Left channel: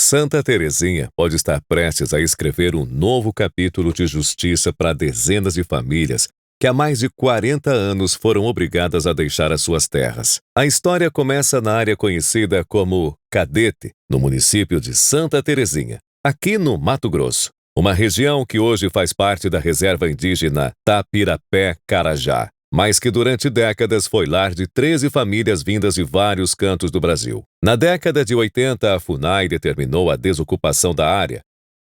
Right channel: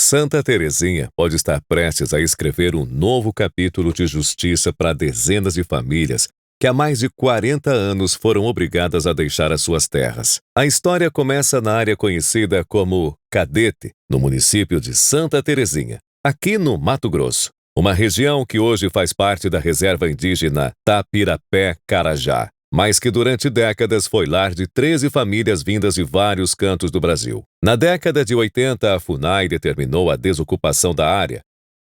Santa Teresinha pode estar prestes a escrever um novo capítulo de justiça para dezenas de famílias que há mais de 40 anos foram obrigadas a deixar as suas terras. A história começa na área conhecida como Cadete, no município de Santa Teresinha, aqui no Mato Grosso, uma região que hoje faz parte da reserva indígena Tapirapé-Carajá, mas que durante décadas foi lar de 13 famílias vindas de vários cantos do Brasil. Na década de 80, a FUNAI determinou a desocupação da área.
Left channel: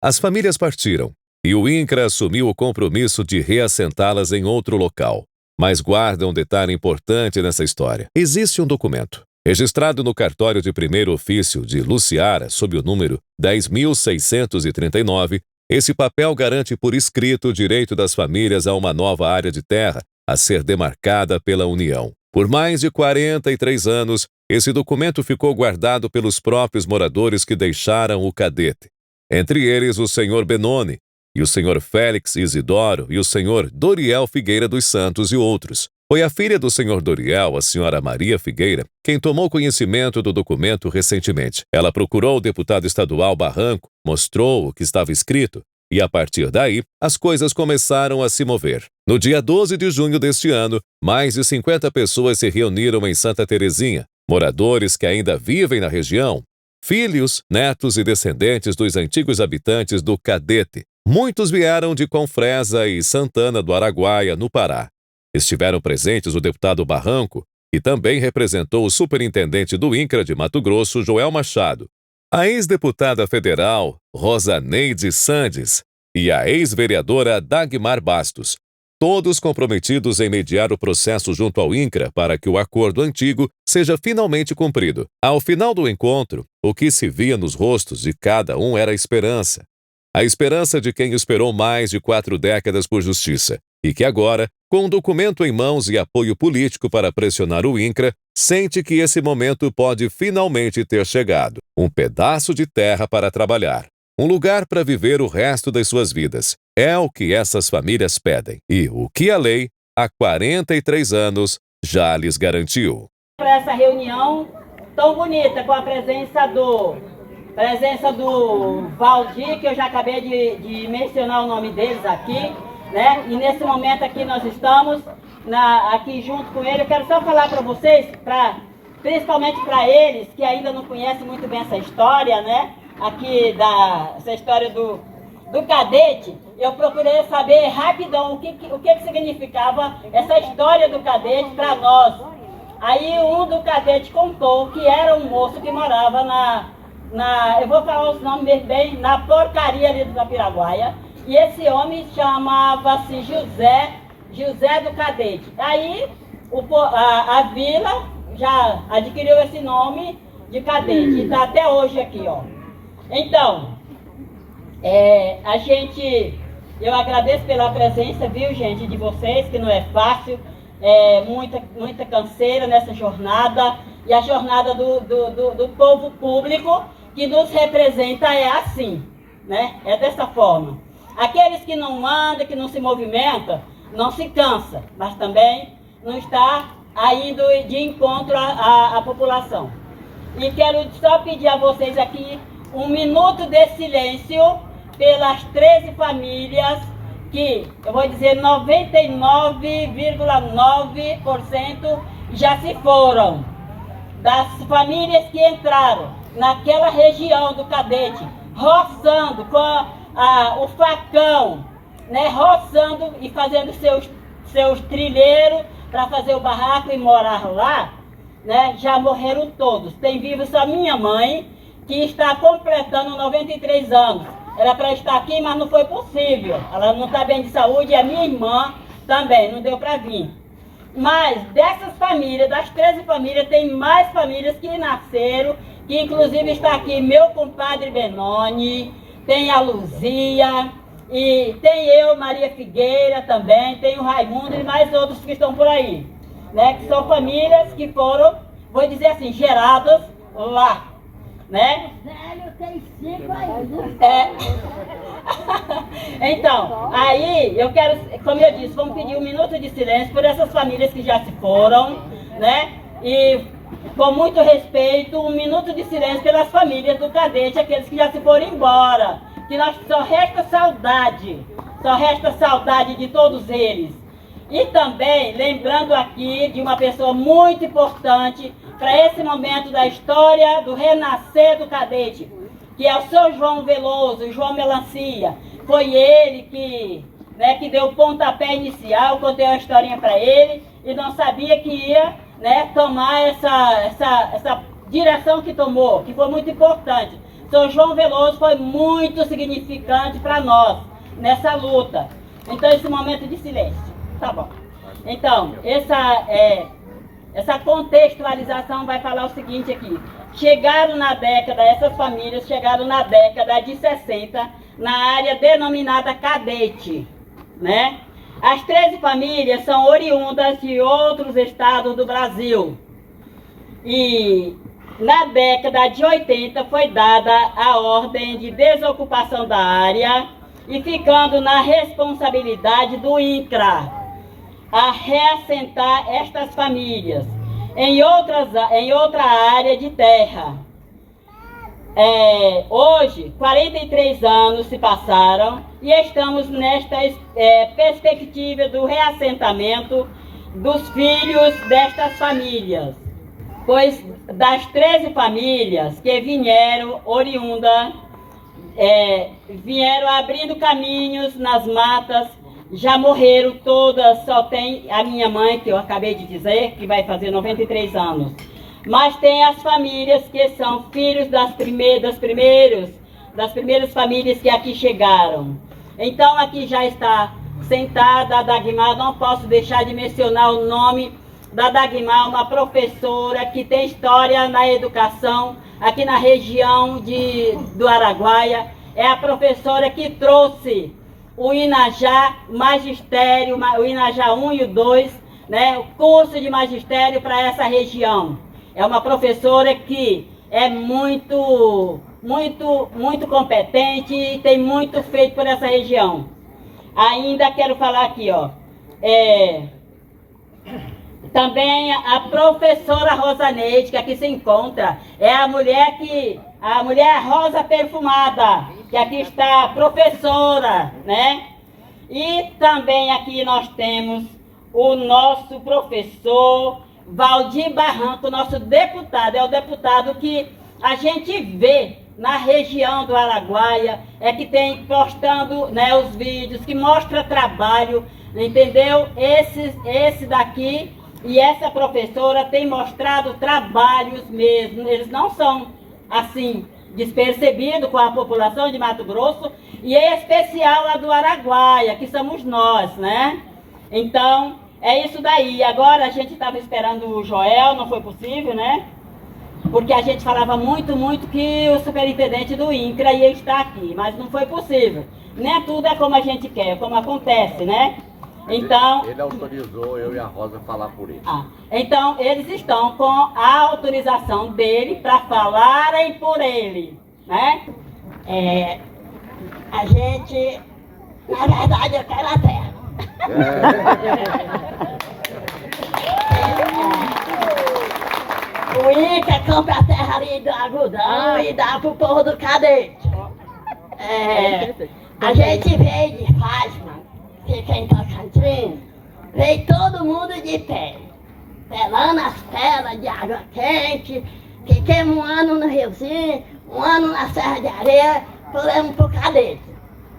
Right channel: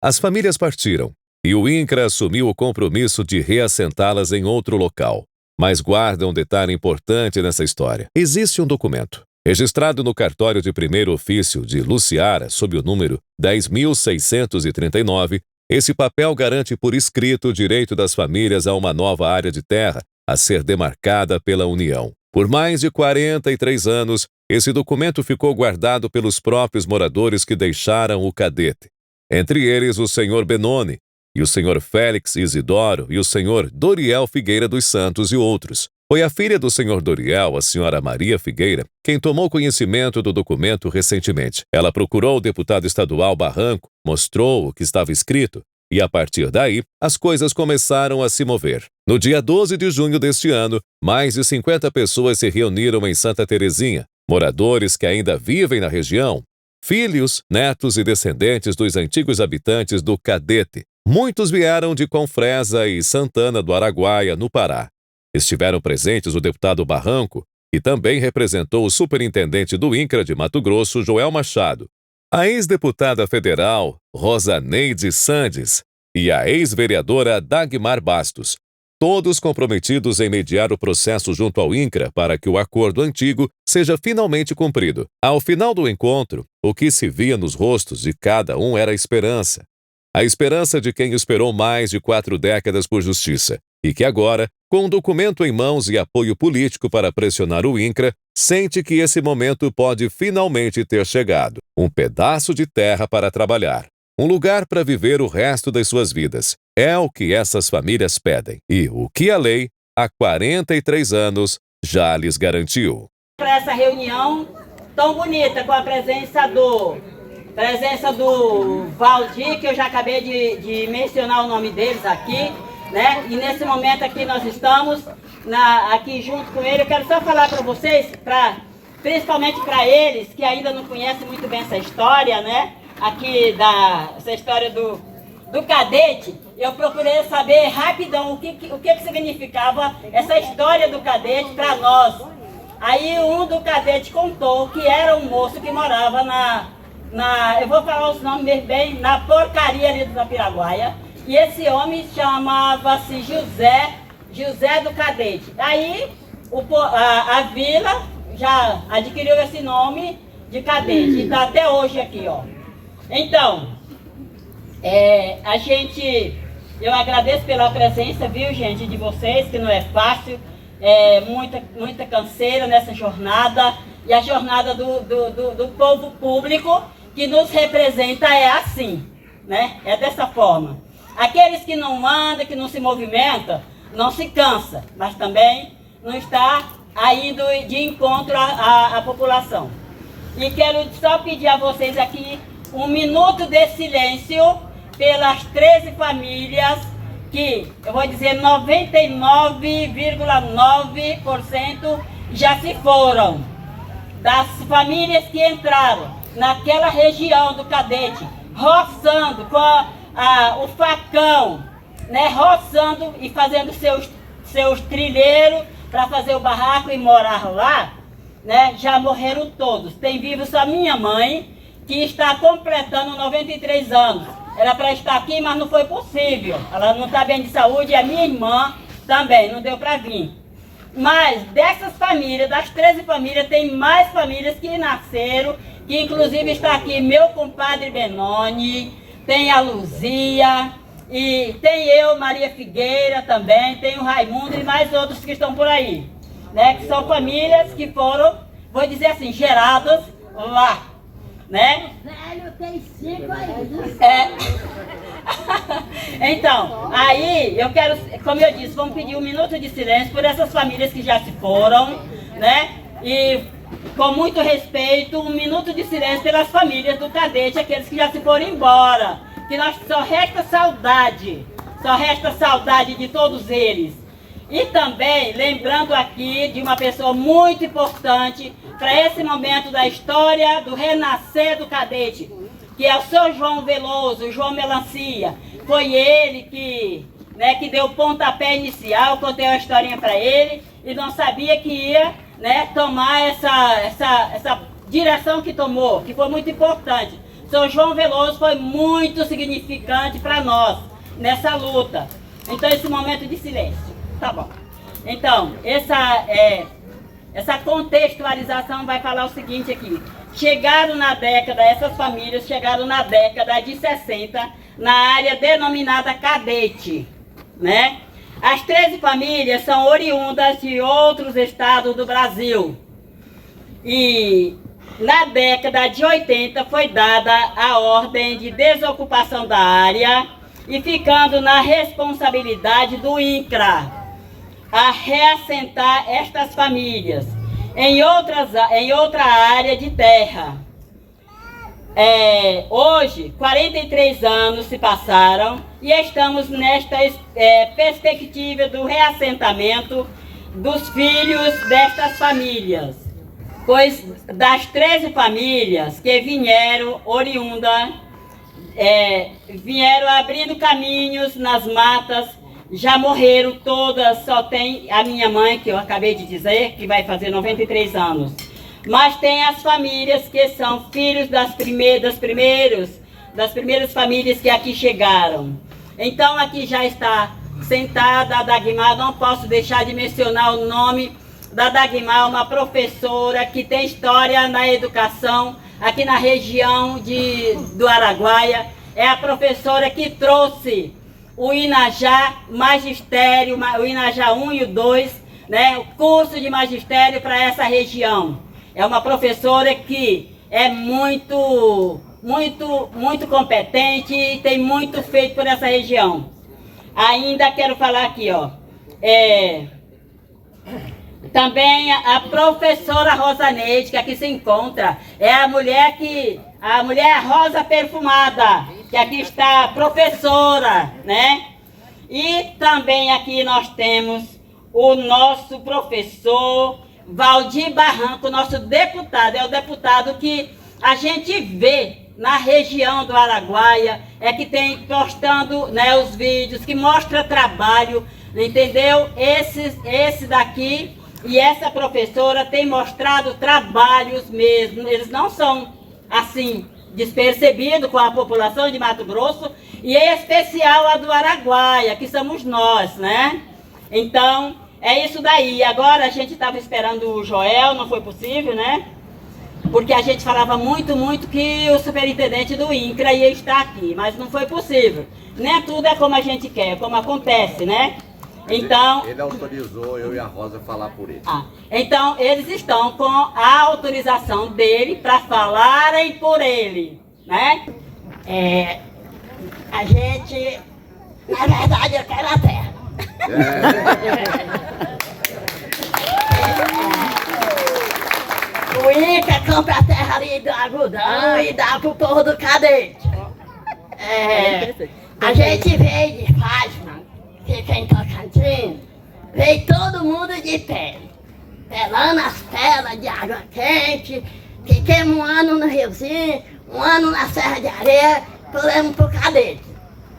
As famílias partiram, e o INCRA assumiu o compromisso de reassentá-las em outro local. Mas guarda um detalhe importante nessa história. Existe um documento, registrado no cartório de primeiro ofício de Luciara, sob o número 10.639, esse papel garante por escrito o direito das famílias a uma nova área de terra a ser demarcada pela União. Por mais de 43 anos, esse documento ficou guardado pelos próprios moradores que deixaram o Cadete. Entre eles, o senhor Benoni, e o senhor Félix Isidoro, e o senhor Doriel Figueira dos Santos e outros. Foi a filha do senhor Doriel, a senhora Maria Figueira, quem tomou conhecimento do documento recentemente. Ela procurou o deputado estadual Barranco, mostrou o que estava escrito, e a partir daí, as coisas começaram a se mover. No dia 12 de junho deste ano, mais de 50 pessoas se reuniram em Santa Teresinha, moradores que ainda vivem na região, filhos, netos e descendentes dos antigos habitantes do Cadete. Muitos vieram de Confresa e Santana do Araguaia, no Pará. Estiveram presentes o deputado Barranco, que também representou o superintendente do INCRA de Mato Grosso, Joel Machado, a ex-deputada federal Rosaneide Sandes e a ex-vereadora Dagmar Bastos, todos comprometidos em mediar o processo junto ao INCRA para que o acordo antigo seja finalmente cumprido. Ao final do encontro, o que se via nos rostos de cada um era a esperança. A esperança de quem esperou mais de 4 décadas por justiça e que agora, com um documento em mãos e apoio político para pressionar o INCRA, sente que esse momento pode finalmente ter chegado. Um pedaço de terra para trabalhar. Um lugar para viver o resto das suas vidas. É o que essas famílias pedem e o que a lei, há 43 anos, já lhes garantiu. Para essa reunião tão bonita, com a presença do Valdir, que eu já acabei de mencionar o nome deles aqui, né? E nesse momento aqui nós estamos aqui junto com ele. Eu quero só falar para vocês, principalmente para eles que ainda não conhecem muito bem essa história, né? Aqui essa história do Cadete. Eu procurei saber rapidão o que significava essa história do Cadete para nós. Aí um do Cadete contou que era um moço que morava eu vou falar os nomes bem, na porcaria ali do Tapiraguaia. E esse homem chamava-se José do Cadete. Aí a vila já adquiriu esse nome de Cadete. E está até hoje aqui, ó. Então, eu agradeço pela presença, viu, gente, de vocês, que não é fácil. Muita canseira nessa jornada. E a jornada do povo público que nos representa é assim, né? É dessa forma. Aqueles que não mandam, que não se movimentam, não se cansa, mas também não está indo de encontro à população. E quero só pedir a vocês aqui um minuto de silêncio pelas 13 famílias que, eu vou dizer, 99,9% já se foram. Das famílias que entraram naquela região do Cadete, roçando com o facão, né, roçando e fazendo seus trilheiros para fazer o barraco e morar lá, né, já morreram todos. Tem vivo só minha mãe, que está completando 93 anos. Era para estar aqui, mas não foi possível. Ela não está bem de saúde, e a minha irmã também, não deu para vir. Mas dessas famílias, das 13 famílias, tem mais famílias que nasceram, que inclusive está aqui meu compadre Benoni, tem a Luzia, e tem eu, Maria Figueira também, tem o Raimundo e mais outros que estão por aí, né? Que são famílias que foram, vou dizer assim, geradas lá, né? Tem 5 aí. Então, aí eu quero, como eu disse, vamos pedir um minuto de silêncio por essas famílias que já se foram, né? E com muito respeito, um minuto de silêncio pelas famílias do cadete, aqueles que já se foram embora, que nós só resta saudade de todos eles. E também lembrando aqui de uma pessoa muito importante para esse momento da história do renascer do cadete, que é o seu João Veloso, João Melancia. Foi ele que deu o pontapé inicial, contei uma historinha para ele e não sabia que ia tomar essa direção que tomou, que foi muito importante. Seu João Veloso foi muito significante para nós nessa luta. Então, esse momento de silêncio. Tá bom. Então, essa contextualização vai falar o seguinte aqui. Essas famílias chegaram na década de 60 na área denominada cadete, né? As 13 famílias são oriundas de outros estados do Brasil. E na década de 80 foi dada a ordem de desocupação da área e ficando na responsabilidade do INCRA a reassentar estas famílias em outra área de terra. Hoje, 43 anos se passaram e estamos nesta perspectiva do reassentamento dos filhos destas famílias, pois das 13 famílias que vieram vieram abrindo caminhos nas matas, já morreram todas, só tem a minha mãe, que eu acabei de dizer, que vai fazer 93 anos. Mas tem as famílias que são filhos das primeiras famílias que aqui chegaram. Então aqui já está sentada a Dagmar, não posso deixar de mencionar o nome da Dagmar, uma professora que tem história na educação aqui na região do Araguaia. É a professora que trouxe o Inajá Magistério, o Inajá 1 e o 2, o curso de magistério para essa região. É uma professora que é muito competente e tem muito feito por essa região. Ainda quero falar aqui, também a professora Rosaneide, que aqui se encontra, é a mulher rosa perfumada, que aqui está a professora, E também aqui nós temos o nosso professor Valdir Barranco, nosso deputado, é o deputado que a gente vê na região do Araguaia, que tem postando os vídeos, que mostra trabalho, entendeu? Esse daqui e essa professora tem mostrado trabalhos mesmo, eles não são assim despercebidos com a população de Mato Grosso, e em especial a do Araguaia, que somos nós, Então, é isso daí. Agora a gente estava esperando o Joel, não foi possível, Porque a gente falava muito que o superintendente do INCRA ia estar aqui, mas não foi possível. Nem tudo é como a gente quer, como acontece, Então, ele autorizou eu e a Rosa falar por ele. Então, eles estão com a autorização dele para falarem por ele, A gente, na verdade, eu quero a terra. O INCRA compra a terra ali do algodão e dá pro povo do cadete. A gente veio de Fátima, fica em Tocantins, veio todo mundo de pé, pelando as pelas de água quente, fiquemos um ano no Riozinho, um ano na Serra de Areia, pulamos pro cadete.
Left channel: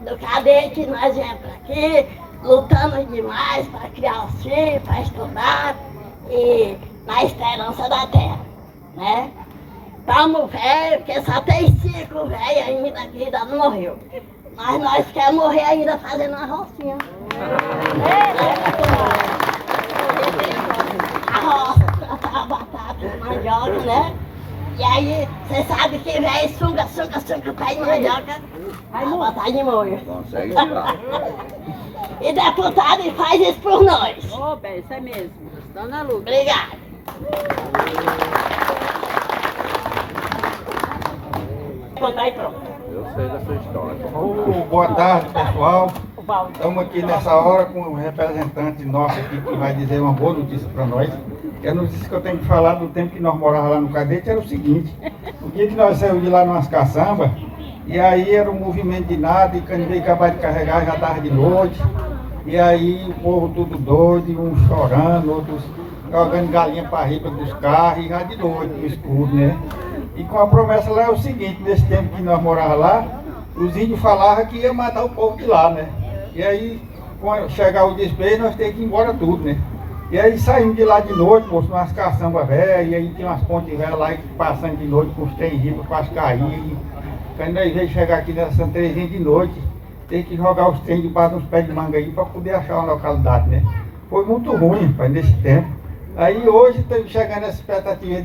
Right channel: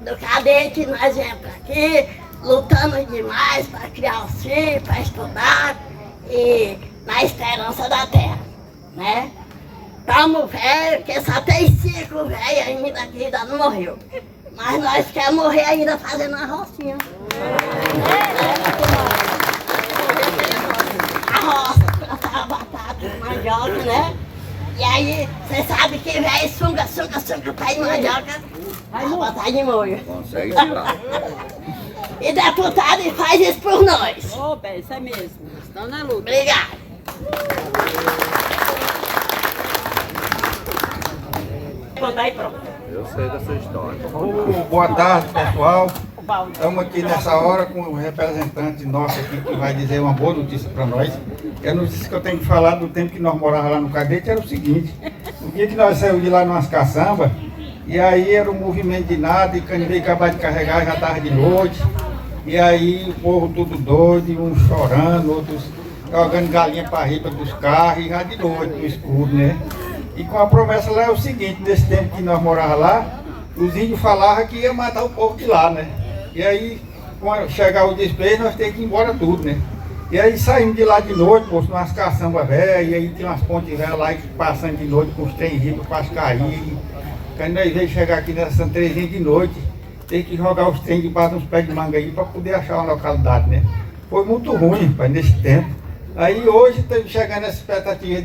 Do cadete nós viemos pra aqui, lutamos demais para criar os filhos, para estudar e na esperança da terra, Estamos velhos, porque só tem 5 velhos ainda que ainda não morreu. Mas nós queremos morrer ainda fazendo uma rocinha. A roça, plantar batata, mandioca, E aí, você sabe que velho sunga pé de mandioca, vai botar de molho. Consegue tirar. E deputado faz isso por nós. Bem, isso é mesmo. Estão na luta. Obrigado. Contar aí, pronto. Eu sei dessa história. Boa tarde, pessoal. Estamos aqui nessa hora com um representante nosso aqui que vai dizer uma boa notícia para nós. E a notícia que eu tenho que falar do tempo que nós morávamos lá no Cadete era o seguinte: o dia que nós saímos de lá numas caçambas, e aí era um movimento de nada, e quando veio acabar de carregar já estava de noite, e aí o povo tudo doido, uns chorando, outros jogando galinha para riba dos carros, e já de noite, no escuro, né? E com a promessa lá é o seguinte: nesse tempo que nós morávamos lá, os índios falavam que ia matar o povo de lá, né? E aí, quando chegar o despejo, nós temos que ir embora tudo, né? E aí saímos de lá de noite, moço, umas caçambas velhas, e aí tinha umas pontes velhas lá, passando de noite com os trem riba, quase cair. Quando nós veio chegar aqui nessa Santa Terezinha de noite, tem que jogar os trem debaixo dos pés de manga aí para poder achar uma localidade, né? Foi muito ruim, rapaz, nesse tempo. Aí hoje estamos chegando nessa expectativa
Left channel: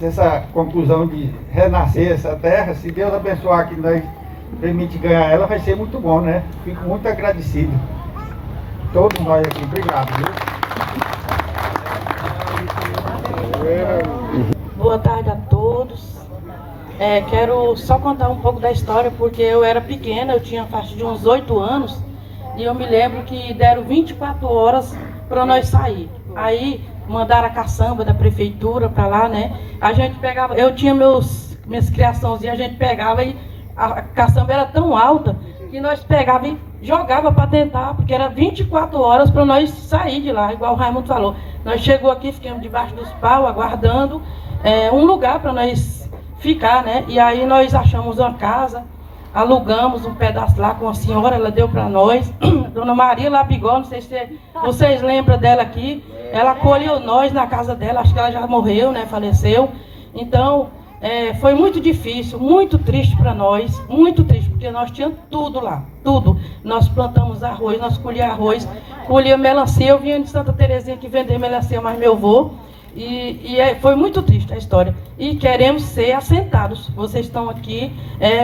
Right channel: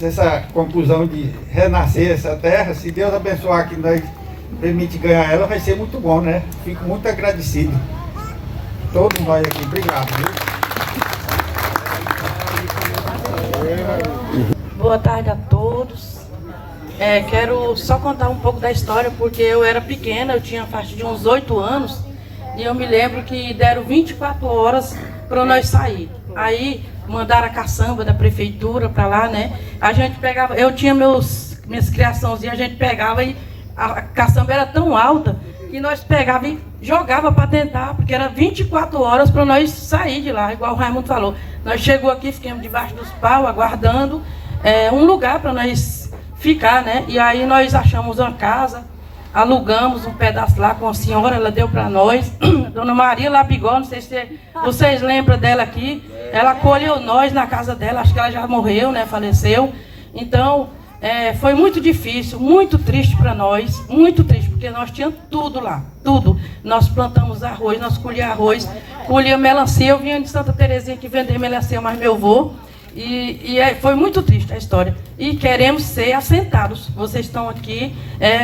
dessa conclusão de renascer essa terra. Se Deus abençoar que nós permite ganhar ela, vai ser muito bom, né? Fico muito agradecido. Todos nós aqui, obrigado, viu? Boa tarde a todos. Quero só contar um pouco da história, porque eu era pequena, eu tinha faixa de uns 8 anos, e eu me lembro que deram 24 horas para nós sair. Aí mandaram a caçamba da prefeitura para lá, né? A gente pegava, eu tinha minhas criaçãozinhas, a gente pegava e a caçamba era tão alta que nós pegava e jogava para tentar, porque era 24 horas para nós sair de lá, igual o Raimundo falou. Nós chegou aqui, ficamos debaixo dos paus, aguardando um lugar para nós ficar, né? E aí nós achamos uma casa, alugamos um pedaço lá com a senhora, ela deu para nós, Dona Maria Labigol, não sei se vocês lembram dela aqui, ela acolheu nós na casa dela, acho que ela já morreu, né? Faleceu. Então, foi muito difícil, muito triste para nós, muito triste, porque nós tínhamos tudo lá, tudo. Nós plantamos arroz, nós colhíamos arroz, colhíamos melancia. Eu vinha de Santa Terezinha que vender melancia, mas meu avô, foi muito triste a história. E queremos ser assentados. Vocês estão aqui,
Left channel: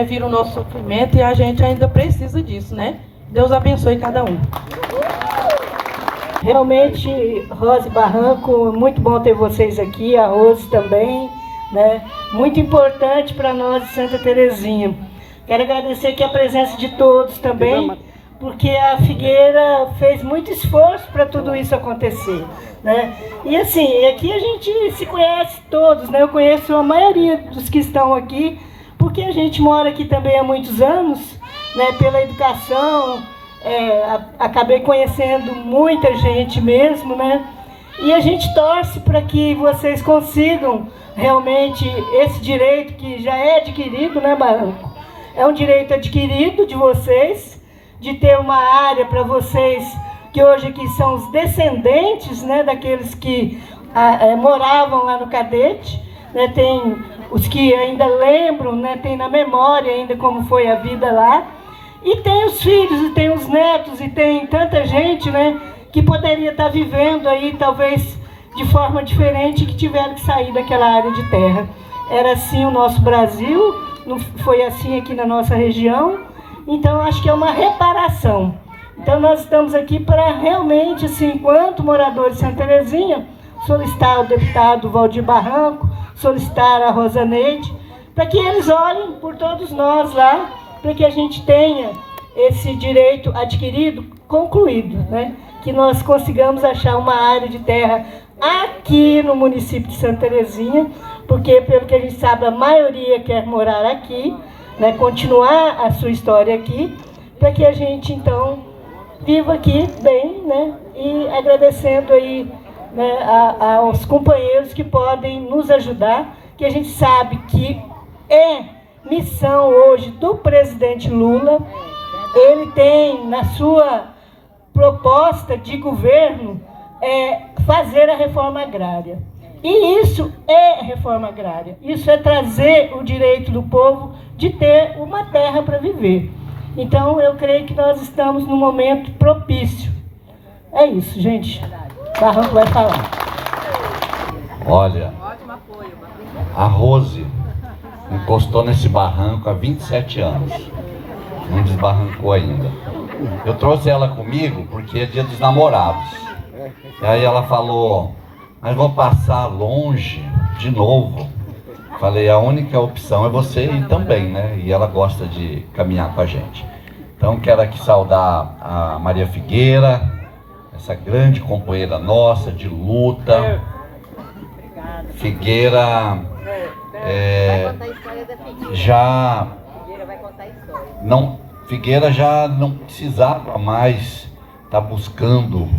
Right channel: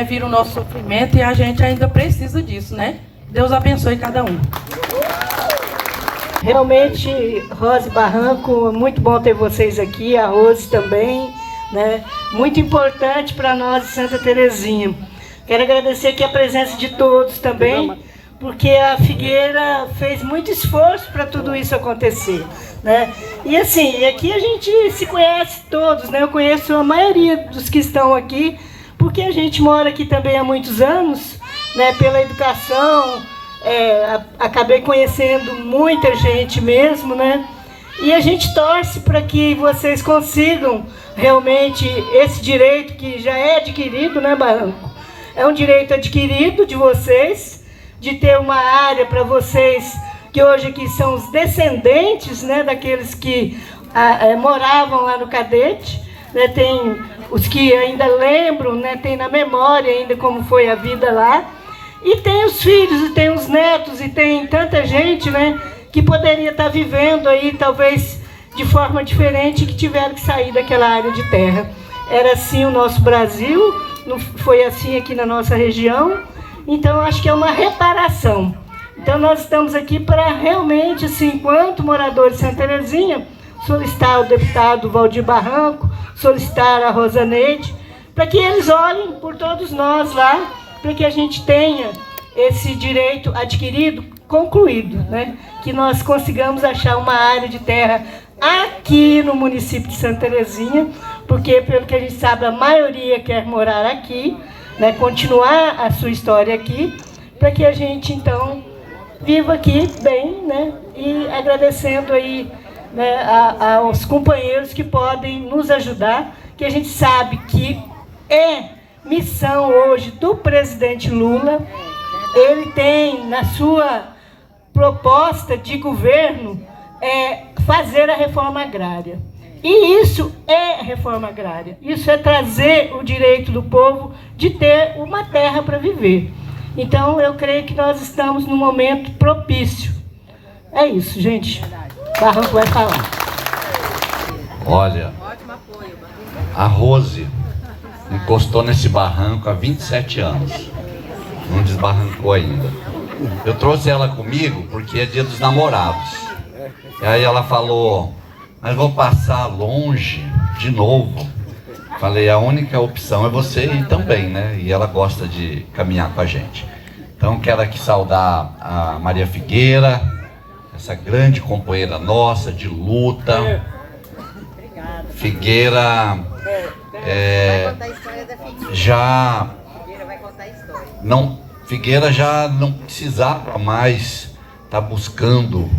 viram o nosso sofrimento e a gente ainda precisa disso, né? Deus abençoe cada um. Realmente, Rose Barranco, muito bom ter vocês aqui, a Rose também, né? Muito importante para nós de Santa Terezinha. Quero agradecer aqui a presença de todos também, porque a Figueira fez muito esforço para tudo isso acontecer, né? E assim, aqui a gente se conhece todos, né? Eu conheço a maioria dos que estão aqui, porque a gente mora aqui também há muitos anos, né? Pela educação, acabei conhecendo muita gente mesmo, né? E a gente torce para que vocês consigam realmente esse direito que já é adquirido, né, Barranco? É um direito adquirido de vocês, de ter uma área para vocês, que hoje aqui são os descendentes, né, daqueles que moravam lá no Cadete, né? Tem os que ainda lembram, né, tem na memória ainda como foi a vida lá, e tem os filhos, e tem os netos, e tem tanta gente, né, que poderia estar vivendo aí, talvez, de forma diferente, que tiveram que sair daquela área de terra. Era assim o nosso Brasil, não foi assim aqui na nossa região, então acho que é uma reparação. Então nós estamos aqui para realmente, assim, enquanto moradores de Santa Terezinha, solicitar ao deputado Valdir Barranco, solicitar a Rosaneide, para que eles olhem por todos nós lá, para que a gente tenha esse direito adquirido, concluído, né? Que nós consigamos achar uma área de terra aqui no município de Santa Terezinha, porque, pelo que a gente sabe, a maioria quer morar aqui, né? Continuar a sua história aqui, para que a gente, então, viva aqui bem, né? E agradecendo aí, né, aos companheiros que podem nos ajudar, que a gente sabe que é missão hoje do presidente Lula. Ele tem na sua proposta de governo fazer a reforma agrária. E isso é reforma agrária. Isso é trazer o direito do povo de ter uma terra para viver. Então, eu creio que nós estamos num momento propício. É isso, gente. Barranco vai falar. Olha, a Rose encostou nesse barranco há 27 anos. Não desbarrancou ainda. Eu trouxe ela comigo porque é dia dos namorados. E aí ela falou, mas vou passar longe de novo. Falei, a única opção é você ir também, né? E ela gosta de caminhar com a gente. Então quero aqui saudar a Maria Figueira, essa grande companheira nossa de luta. Figueira já não, Figueira já não precisava mais estar buscando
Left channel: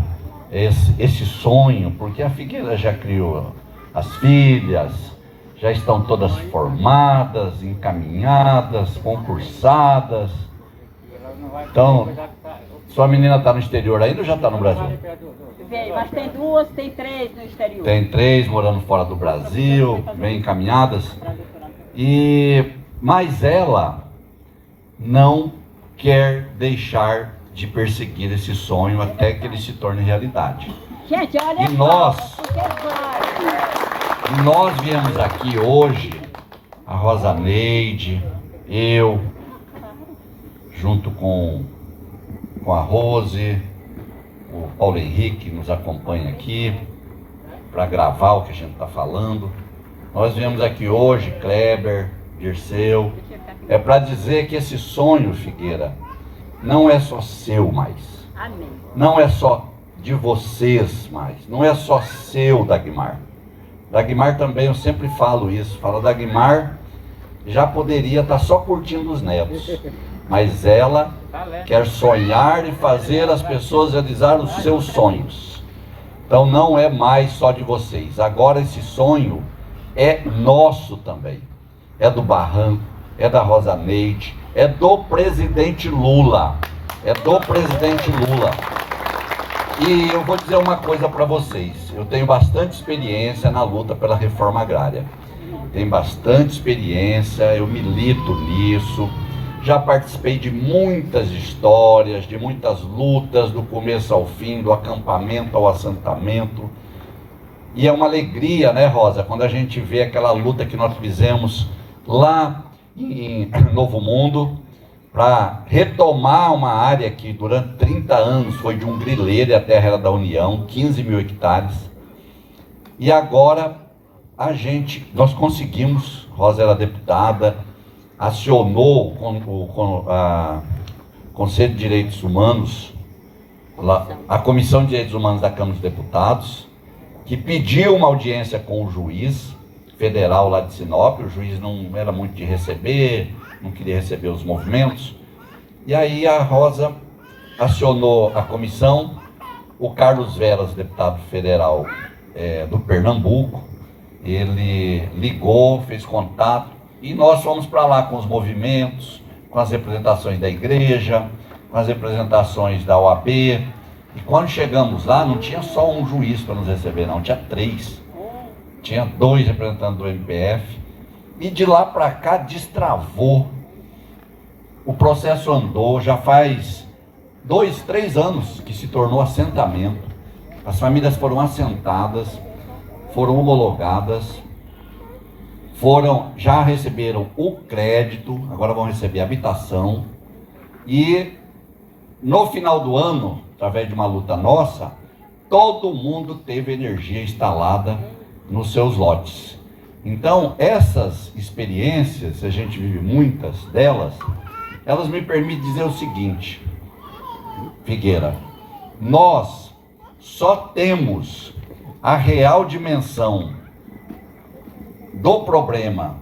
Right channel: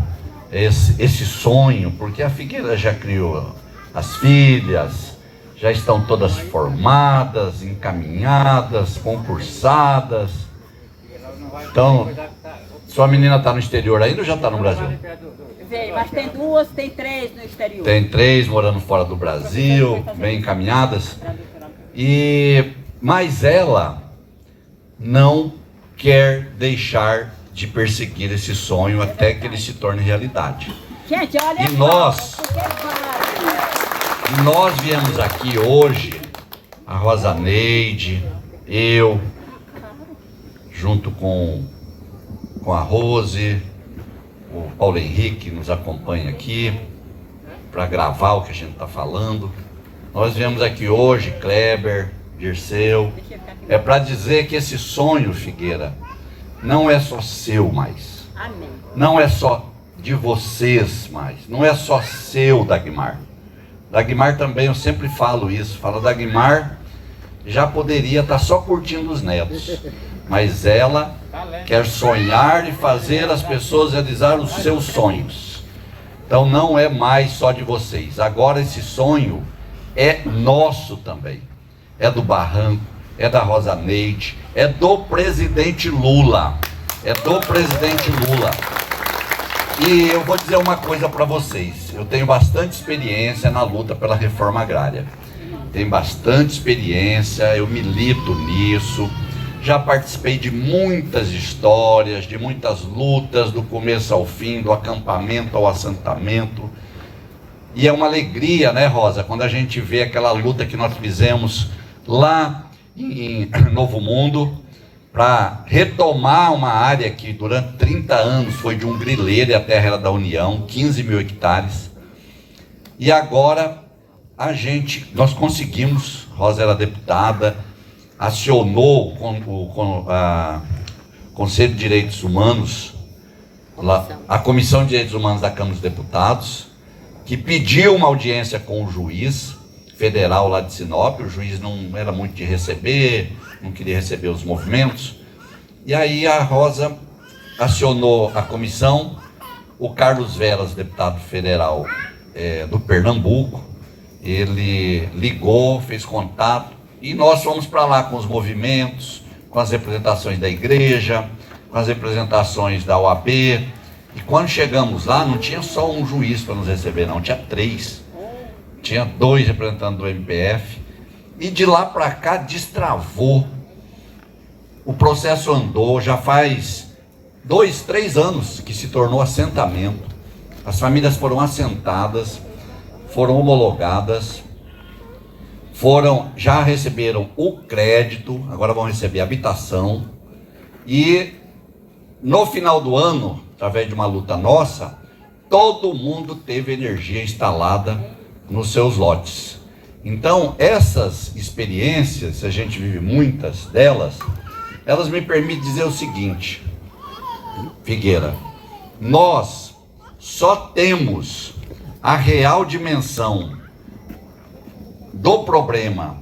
esse sonho, porque a Figueira já criou as filhas, já estão todas formadas, encaminhadas, concursadas. Então, sua menina está no exterior ainda ou já está no Brasil? Mas tem 2, tem 3 no exterior. Tem 3 morando fora do Brasil, bem encaminhadas. Mas ela não quer deixar de perseguir esse sonho até que ele se torne realidade. Gente, olha E nós viemos aqui hoje, a Rosa Neide, eu, junto com a Rose, o Paulo Henrique nos acompanha aqui para gravar o que a gente está falando. Nós viemos aqui hoje, Kleber, Dirceu, para dizer que esse sonho, Figueira, não é só seu mais. Amém. Não é só de vocês mais. Não é só seu, Dagmar. Dagmar também, eu sempre falo isso. Dagmar já poderia estar só curtindo os netos. Mas ela quer sonhar e fazer as pessoas realizar os seus sonhos. Então não é mais só de vocês. Agora esse sonho é nosso também. É do Barranco, é da Rosa Neide, é do presidente Lula. É do presidente Lula. E eu vou dizer uma coisa para vocês. Eu tenho bastante experiência na luta pela reforma agrária. Tenho bastante experiência, eu milito nisso. Já participei de muitas histórias, de muitas lutas, do começo ao fim, do acampamento ao assentamento. E é uma alegria, né, Rosa, quando a gente vê aquela luta que nós fizemos lá em Novo Mundo, para retomar uma área que durante 30 anos foi de um grileiro e a terra era da União, 15 mil hectares. E agora nós conseguimos, Rosa era deputada, acionou o Conselho de Direitos Humanos, a Comissão de Direitos Humanos da Câmara dos Deputados, que pediu uma audiência com o juiz federal lá de Sinop. O juiz não era muito de receber, não queria receber os movimentos. E aí a Rosa acionou a comissão, o Carlos Veras, deputado federal do Pernambuco, ele ligou, fez contato, e nós fomos para lá com os movimentos, com as representações da igreja, com as representações da OAB. E quando chegamos lá, não tinha só um juiz para nos receber, não, tinha 3. Tinha 2 representantes do MPF. E de lá para cá destravou. O processo andou, já faz 2, 3 anos que se tornou assentamento. As famílias foram assentadas, foram homologadas, já receberam o crédito, agora vão receber a habitação. E no final do ano, através de uma luta nossa, todo mundo teve energia instalada nos seus lotes. Então, essas experiências, a gente vive muitas delas, elas me permitem dizer o seguinte: Figueira, nós só temos a real dimensão do problema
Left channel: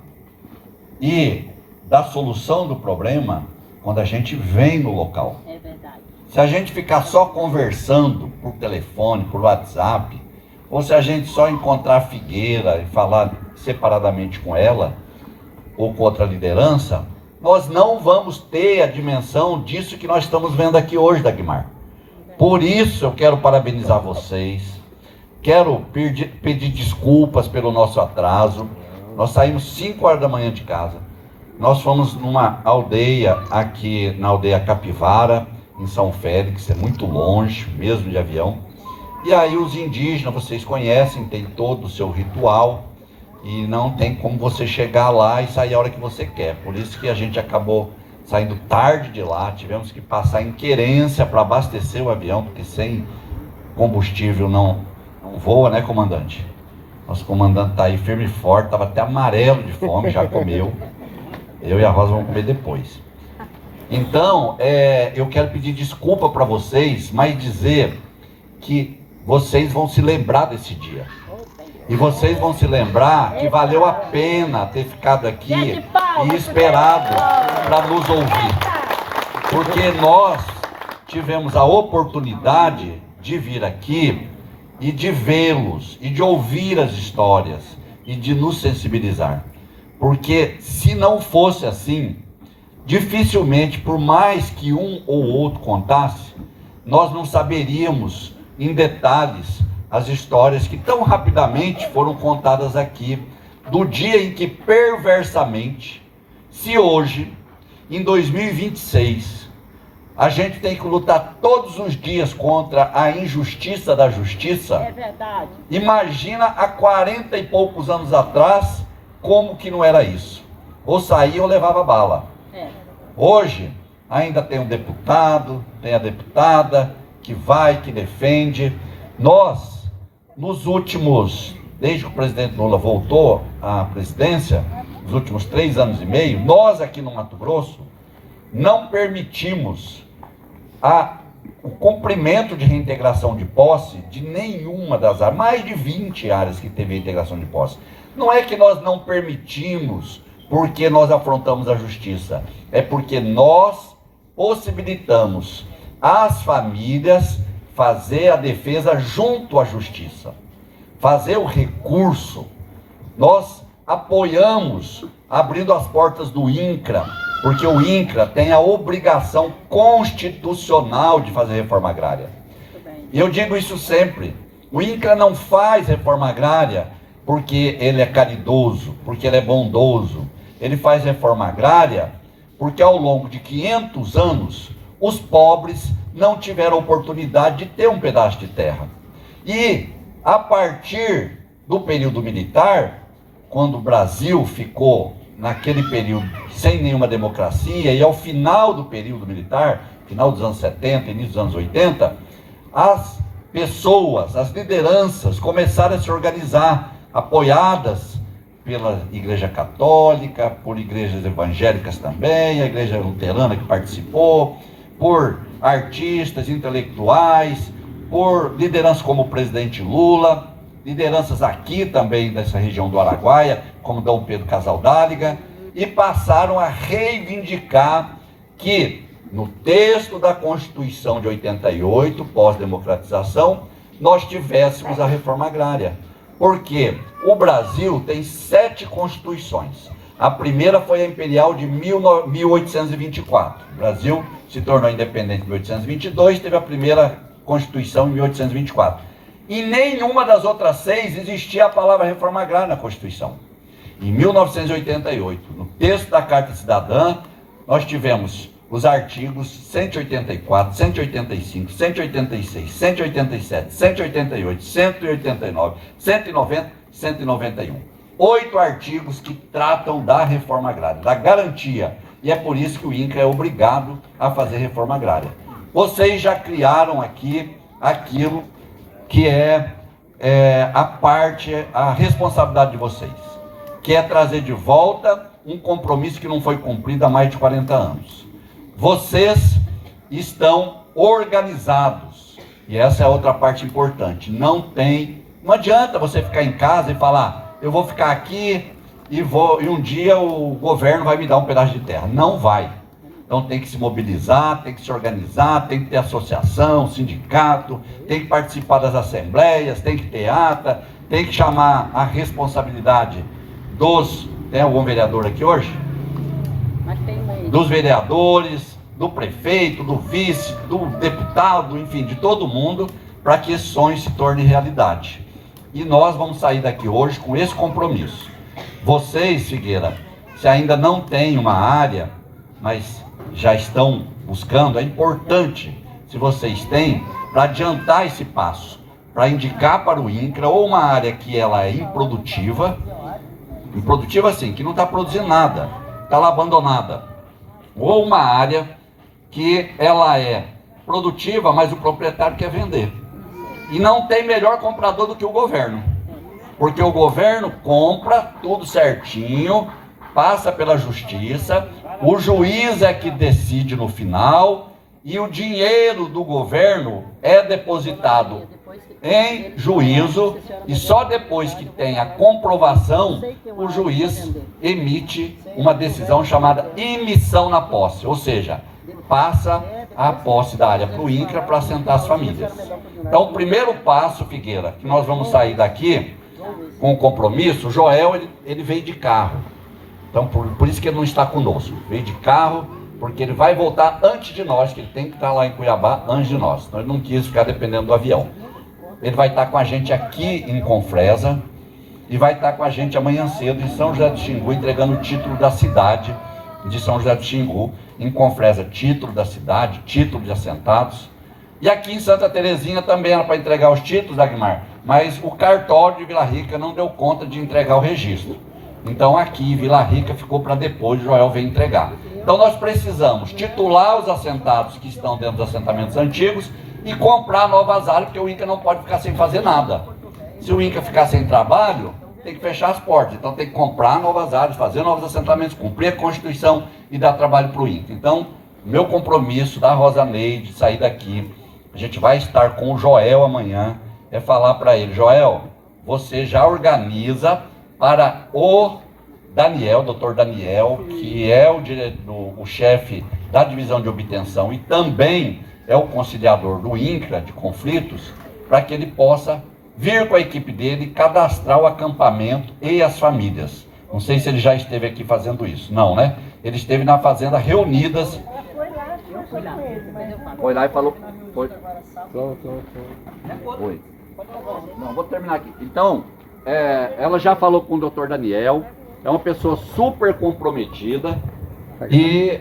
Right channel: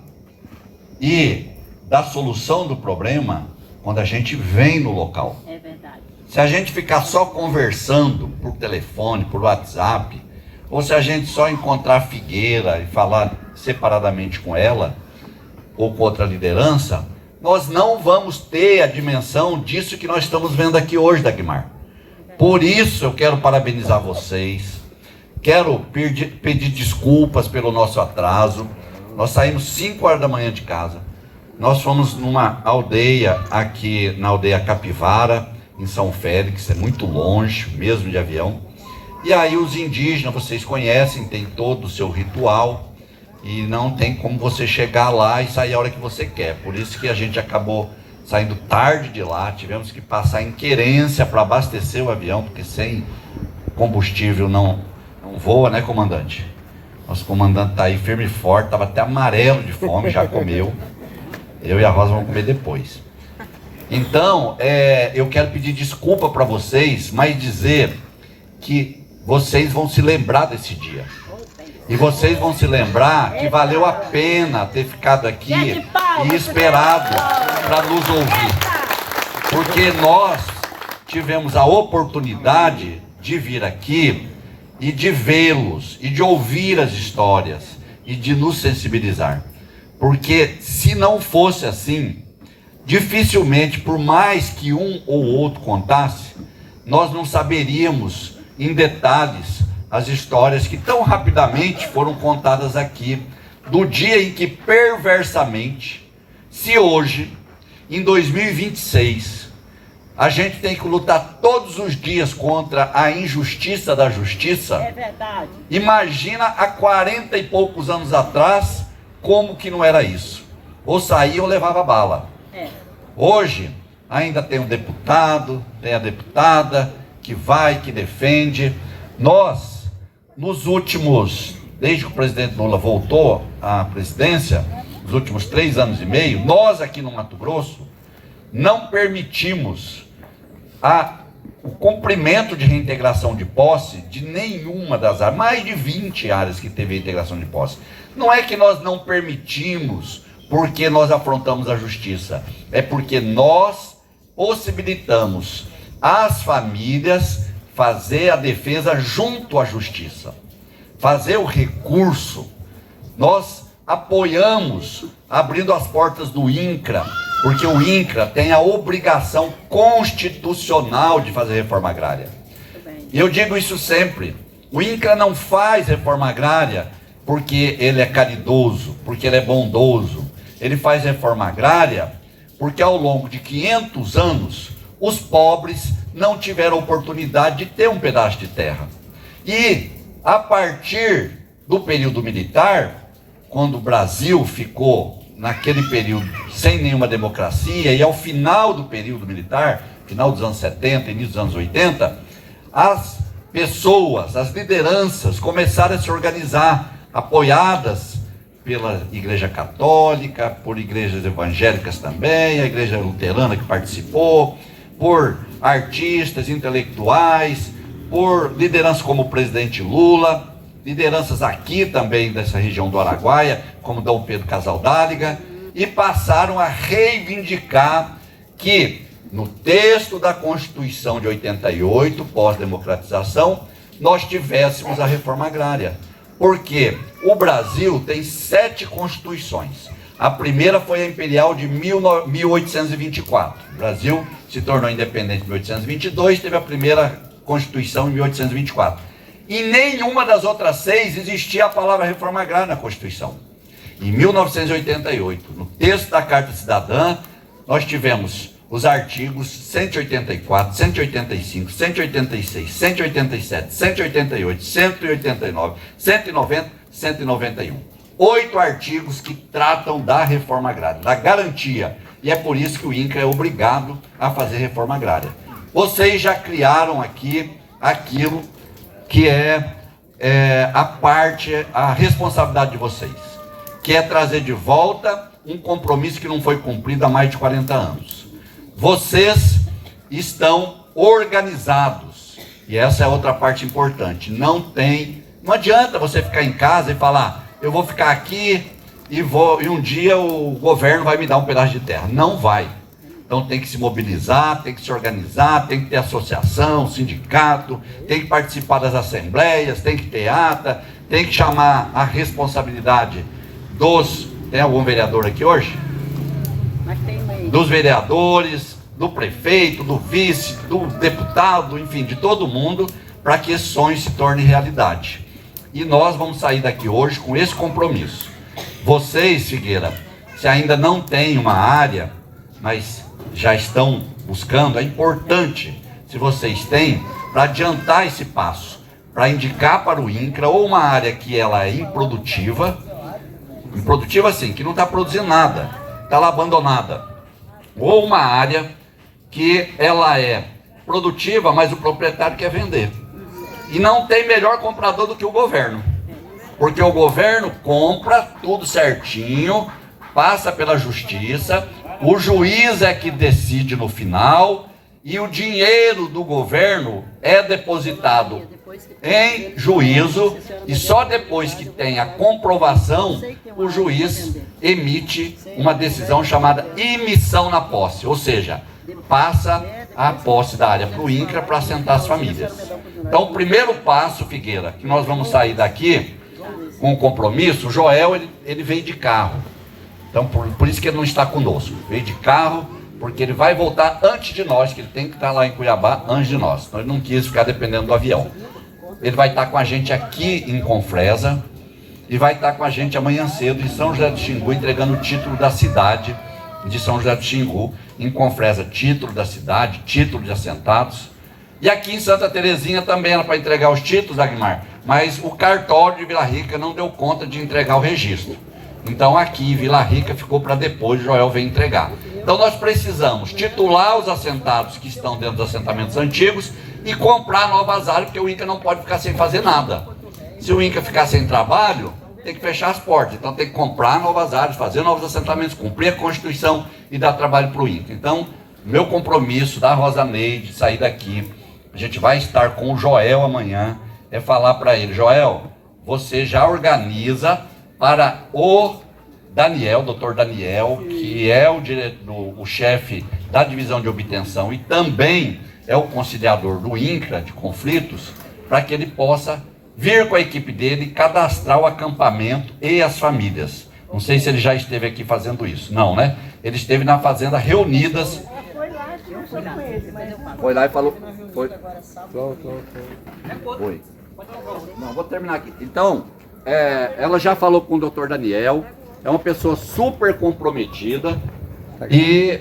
e da solução do problema quando a gente vem no local. É verdade. Se a gente ficar só conversando por telefone, por WhatsApp, ou se a gente só encontrar a Figueira e falar separadamente com ela, ou com outra liderança, nós não vamos ter a dimensão disso que nós estamos vendo aqui hoje, Dagmar. Por isso eu quero parabenizar vocês, quero pedir desculpas pelo nosso atraso. Nós saímos 5 horas da manhã de casa, nós fomos numa aldeia aqui, na aldeia Capivara, em São Félix, é muito longe, mesmo de avião. E aí os indígenas, vocês conhecem, tem todo o seu ritual, e não tem como você chegar lá e sair a hora que você quer. Por isso que a gente acabou saindo tarde de lá, tivemos que passar em Querência para abastecer o avião, porque sem combustível não voa, né, comandante? Nosso comandante está aí firme e forte, estava até amarelo de fome, já comeu. Eu e a Rosa vamos comer depois. Então, eu quero pedir desculpa para vocês, mas dizer que vocês vão se lembrar desse dia. E vocês vão se lembrar que valeu a pena ter ficado aqui e esperado para nos ouvir. Porque nós tivemos a oportunidade de vir aqui e de vê-los, e de ouvir as histórias, e de nos sensibilizar. Porque se não fosse assim, dificilmente, por mais que um ou outro contasse, nós não saberíamos em detalhes as histórias que tão rapidamente foram contadas aqui, do dia em que perversamente, se hoje, em 2026, a gente tem que lutar todos os dias contra a injustiça da justiça. É verdade. Imagina há 40 e poucos anos atrás, como que não era isso. Ou saía ou levava bala. Hoje, ainda tem um deputado, tem a deputada, que vai, que defende. Nós, nos últimos, desde que o presidente Lula voltou à presidência, nos últimos 3 anos e meio, nós aqui no Mato Grosso, não permitimos o cumprimento de reintegração de posse de nenhuma das áreas, mais de 20 áreas que teve reintegração de posse. Não é que nós não permitimos porque nós afrontamos a justiça, é porque nós possibilitamos às famílias fazer a defesa junto à justiça, fazer o recurso. Nós apoiamos abrindo as portas do INCRA, porque o INCRA tem a obrigação constitucional de fazer reforma agrária. E eu digo isso sempre, o INCRA não faz reforma agrária porque ele é caridoso, porque ele é bondoso. Ele faz reforma agrária porque ao longo de 500 anos, os pobres não tiveram oportunidade de ter um pedaço de terra. E a partir do período militar, quando o Brasil ficou naquele período sem nenhuma democracia, e ao final do período militar, final dos anos 70, início dos anos 80, as pessoas, as lideranças começaram a se organizar, apoiadas pela Igreja Católica, por igrejas evangélicas também, a Igreja Luterana que participou, por artistas, intelectuais, por lideranças como o presidente Lula, lideranças aqui também dessa região do Araguaia, como Dom Pedro Casaldáliga, e passaram a reivindicar que no texto da Constituição de 88, pós-democratização, nós tivéssemos a reforma agrária. Porque o Brasil tem 7 constituições. A primeira foi a imperial de 1824. O Brasil se tornou independente em 1822, teve a primeira Constituição em 1824. Em nenhuma das outras 6 existia a palavra reforma agrária na Constituição. Em 1988, no texto da Carta Cidadã, nós tivemos os artigos 184, 185, 186, 187, 188, 189, 190, 191. 8 artigos que tratam da reforma agrária, da garantia. E é por isso que o INCRA é obrigado a fazer reforma agrária. Vocês já criaram aqui aquilo que é a responsabilidade de vocês, que é trazer de volta um compromisso que não foi cumprido há mais de 40 anos. Vocês estão organizados, e essa é outra parte importante. Não adianta você ficar em casa e falar, eu vou ficar aqui e um dia o governo vai me dar um pedaço de terra. Não vai. Então tem que se mobilizar, tem que se organizar, tem que ter associação, sindicato, tem que participar das assembleias, tem que ter ata, tem que chamar a responsabilidade tem algum vereador aqui hoje? Dos vereadores, do prefeito, do vice, do deputado, enfim, de todo mundo, para que esse sonho se torne realidade. E nós vamos sair daqui hoje com esse compromisso. Vocês, Figueira, se ainda não têm uma área, mas já estão buscando, é importante, se vocês têm, para adiantar esse passo, para indicar para o INCRA ou uma área que ela é improdutiva assim, que não está produzindo nada, está lá abandonada, ou uma área que ela é produtiva, mas o proprietário quer vender. E não tem melhor comprador do que o governo, porque o governo compra tudo certinho, passa pela justiça, O juiz é que decide no final e o dinheiro do governo é depositado em juízo e só depois que tem a comprovação o juiz emite uma decisão chamada imissão na posse, ou seja, passa a posse da área para o INCRA para assentar as famílias. Então, o primeiro passo, Figueira, que nós vamos sair daqui com o compromisso, o Joel ele veio de carro. Então, por isso que ele não está conosco. Veio de carro, porque ele vai voltar antes de nós, que ele tem que estar lá em Cuiabá antes de nós. Então, ele não quis ficar dependendo do avião. Ele vai estar com a gente aqui em Confresa e vai estar com a gente amanhã cedo em São José do Xingu, entregando o título da cidade de São José do Xingu. Em Confresa, título da cidade, título de assentados. E aqui em Santa Terezinha também era para entregar os títulos, Agmar, mas o cartório de Vila Rica não deu conta de entregar o registro. Então aqui, Vila Rica, ficou para depois, Joel vem entregar. Então nós precisamos titular os assentados que estão dentro dos assentamentos antigos e comprar novas áreas, porque o INCRA não pode ficar sem fazer nada. Se o INCRA ficar sem trabalho, tem que fechar as portas. Então tem que comprar novas áreas, fazer novos assentamentos, cumprir a Constituição e dar trabalho para o INCRA. Então, meu compromisso da Rosa Neide, sair daqui, a gente vai estar com o Joel amanhã, é falar para ele: Joel, você já organiza para o Daniel, doutor Daniel, que é o chefe da divisão de obtenção e também é o conciliador do INCRA de conflitos, para que ele possa vir com a equipe dele, cadastrar o acampamento e as famílias. Não sei se ele já esteve aqui fazendo isso. Não, né? Ele esteve na fazenda reunidas. Foi lá e falou. Foi. Foi. Não, vou terminar aqui. Então, ela já falou com o doutor Daniel. É uma pessoa super comprometida. E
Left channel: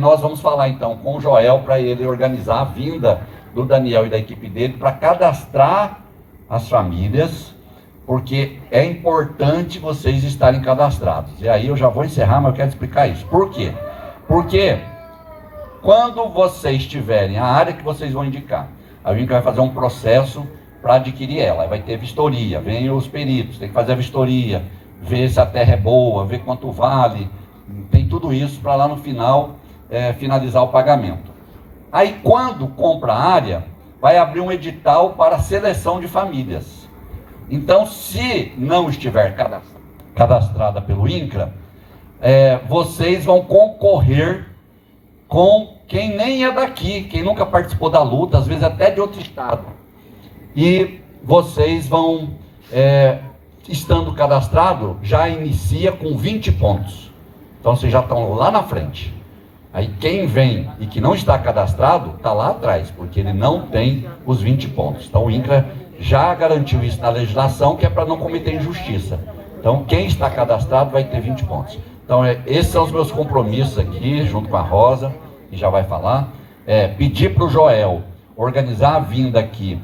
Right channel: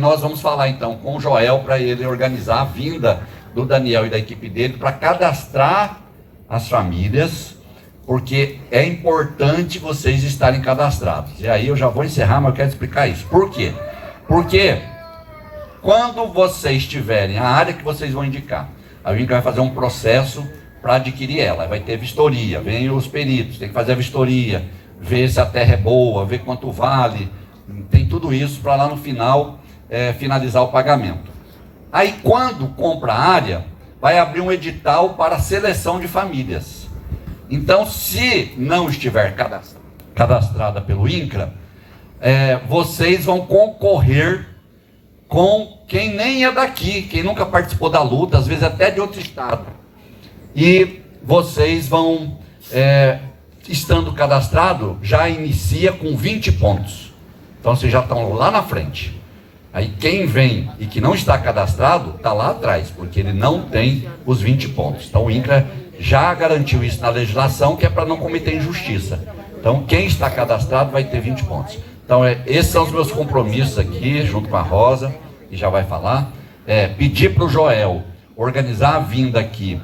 nós vamos falar então com o Joel para ele organizar a vinda do Daniel e da equipe dele para cadastrar as famílias, porque é importante vocês estarem cadastrados. E aí eu já vou encerrar, mas eu quero explicar isso. Por quê? Porque quando vocês tiverem a área que vocês vão indicar, a INCRA vai fazer um processo para adquirir ela. Vai ter vistoria, vem os peritos, tem que fazer a vistoria, ver se a terra é boa, ver quanto vale, tem tudo isso para lá no final finalizar o pagamento. Aí quando compra a área, vai abrir um edital para seleção de famílias. Então, se não estiver cadastrada pelo INCRA, vocês vão concorrer com quem nem é daqui, quem nunca participou da luta, às vezes até de outro estado. E vocês vão, estando cadastrado, já inicia com 20 pontos. Então, vocês já estão lá na frente. Aí quem vem e que não está cadastrado, está lá atrás, porque ele não tem os 20 pontos. Então o INCRA já garantiu isso na legislação, que é para não cometer injustiça. Então quem está cadastrado vai ter 20 pontos. Então esses são os meus compromissos aqui, junto com a Rosa, que já vai falar. Pedir para o Joel organizar a vinda aqui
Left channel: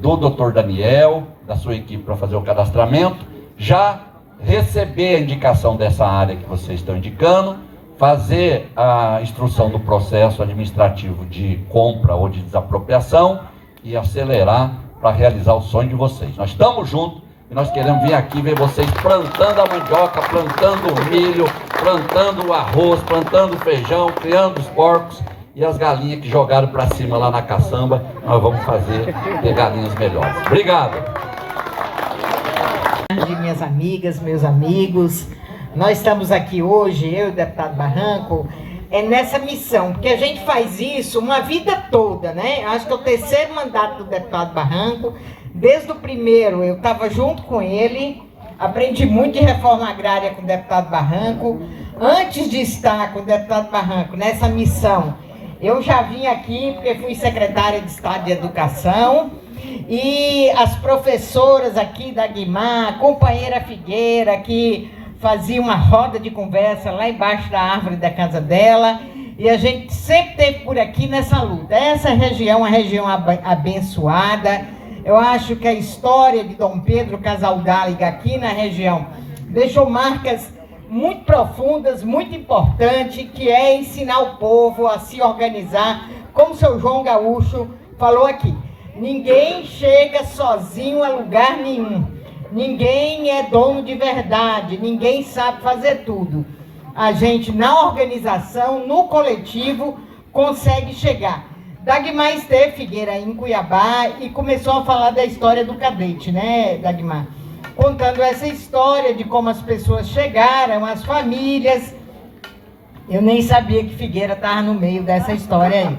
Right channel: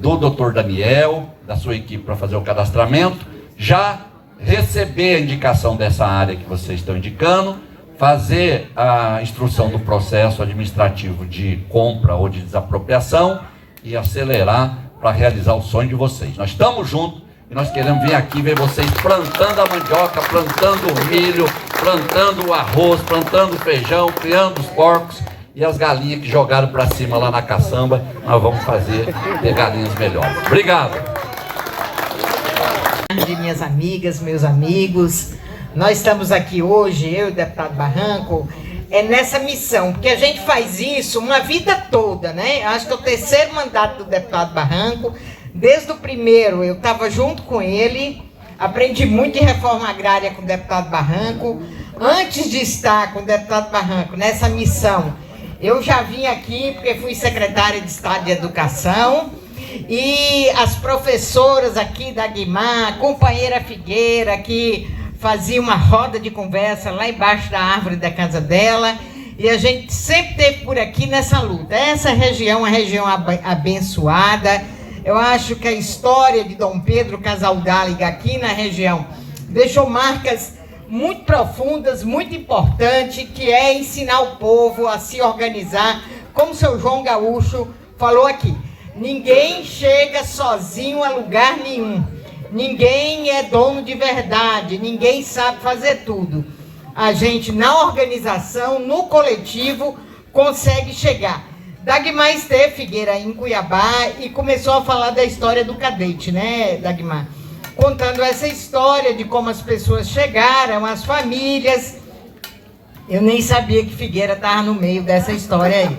do doutor Daniel, da sua equipe, para fazer o cadastramento, já receber a indicação dessa área que vocês estão indicando, fazer a instrução do processo administrativo de compra ou de desapropriação e acelerar para realizar o sonho de vocês. Nós estamos juntos e nós queremos vir aqui ver vocês plantando a mandioca, plantando o milho, plantando o arroz, plantando o feijão, criando os porcos e as galinhas que jogaram para cima lá na caçamba. Nós vamos fazer ter galinhas melhores. Obrigado. Minhas amigas, meus amigos, nós estamos aqui hoje, eu e o deputado Barranco, nessa missão, porque a gente faz isso uma vida toda, né? Acho que é o terceiro mandato do deputado Barranco. Desde o primeiro eu estava junto com ele, aprendi muito em reforma agrária com o deputado Barranco. Antes de estar com o deputado Barranco nessa missão, eu já vim aqui porque fui secretária de Estado de Educação, e as professoras aqui da Guimar, a companheira Figueira, que fazia uma roda de conversa lá embaixo da árvore da casa dela, e a gente sempre esteve por aqui nessa luta. Essa região é uma região abençoada. Eu acho que a história de Dom Pedro Casaldáliga aqui na região deixou marcas muito profundas, muito importantes, que é ensinar o povo a se organizar, como o seu João Gaúcho falou aqui. Ninguém chega sozinho a lugar nenhum. Ninguém é dono de verdade, ninguém sabe fazer tudo. a gente, na organização, no coletivo, consegue chegar. Dagmar esteve, Figueira, em Cuiabá e começou a falar da história do cadete, né, Dagmar? Contando essa história de como as pessoas chegaram, as famílias. Eu nem sabia que Figueira estava no meio dessa história aí.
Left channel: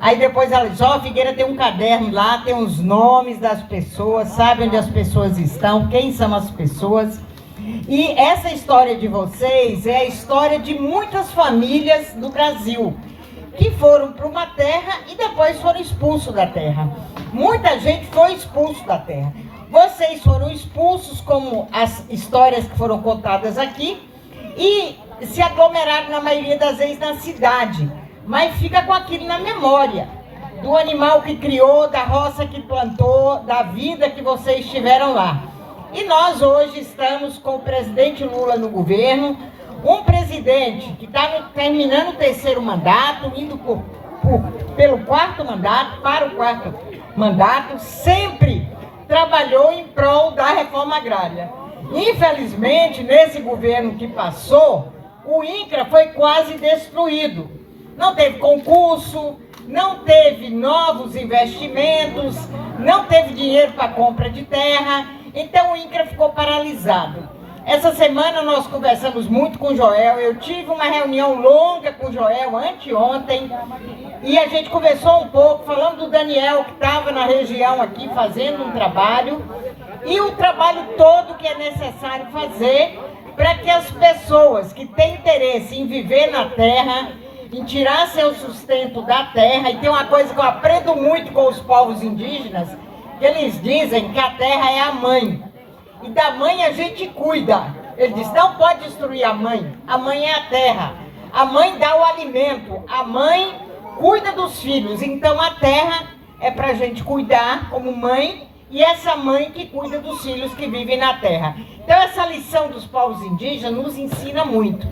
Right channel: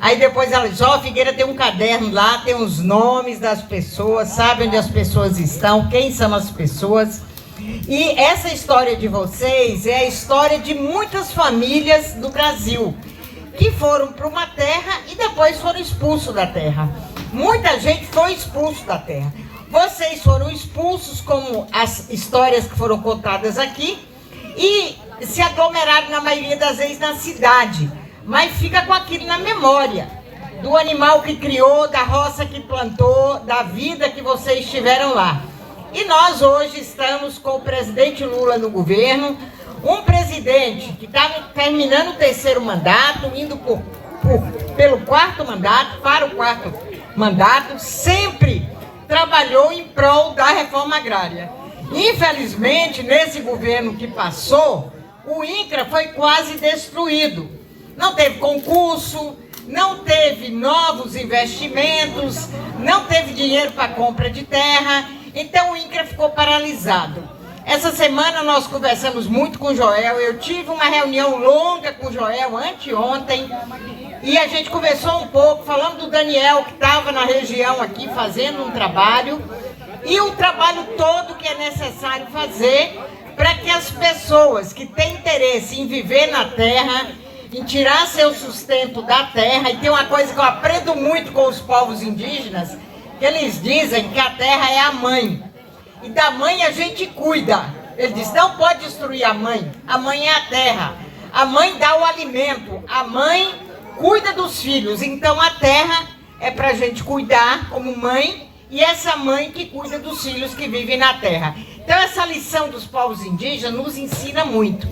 Aí depois ela disse, ó, Figueira tem um caderno lá, tem os nomes das pessoas, sabe onde as pessoas estão, quem são as pessoas. E essa história de vocês é a história de muitas famílias do Brasil, que foram para uma terra e depois foram expulsos da terra. Muita gente foi expulso da terra. Vocês foram expulsos, como as histórias que foram contadas aqui, e se aglomeraram na maioria das vezes na cidade. Mas fica com aquilo na memória, do animal que criou, da roça que plantou, da vida que vocês tiveram lá. E nós hoje estamos com o presidente Lula no governo, um presidente que está terminando o terceiro mandato, indo pelo quarto mandato, para o quarto mandato, sempre trabalhou em prol da reforma agrária. Infelizmente, nesse governo que passou, o INCRA foi quase destruído. Não teve concurso, não teve novos investimentos, não teve dinheiro para compra de terra, então o INCRA ficou paralisado. Essa semana nós conversamos muito com o Joel, eu tive uma reunião longa com o Joel anteontem, e a gente conversou um pouco, falando do Daniel, que estava na região aqui fazendo um trabalho, e o trabalho todo que é necessário fazer para que as pessoas que têm interesse em viver na terra, em tirar seu sustento da terra, e tem uma coisa que eu aprendo muito com os povos indígenas, que eles dizem que a terra é a mãe. E da mãe a gente cuida. Ele diz, não pode destruir a mãe é a terra. A mãe dá o alimento, a mãe cuida dos filhos. Então a terra é para a gente cuidar como mãe, e essa mãe que cuida dos filhos que vivem na terra. Então essa lição dos povos indígenas nos ensina muito.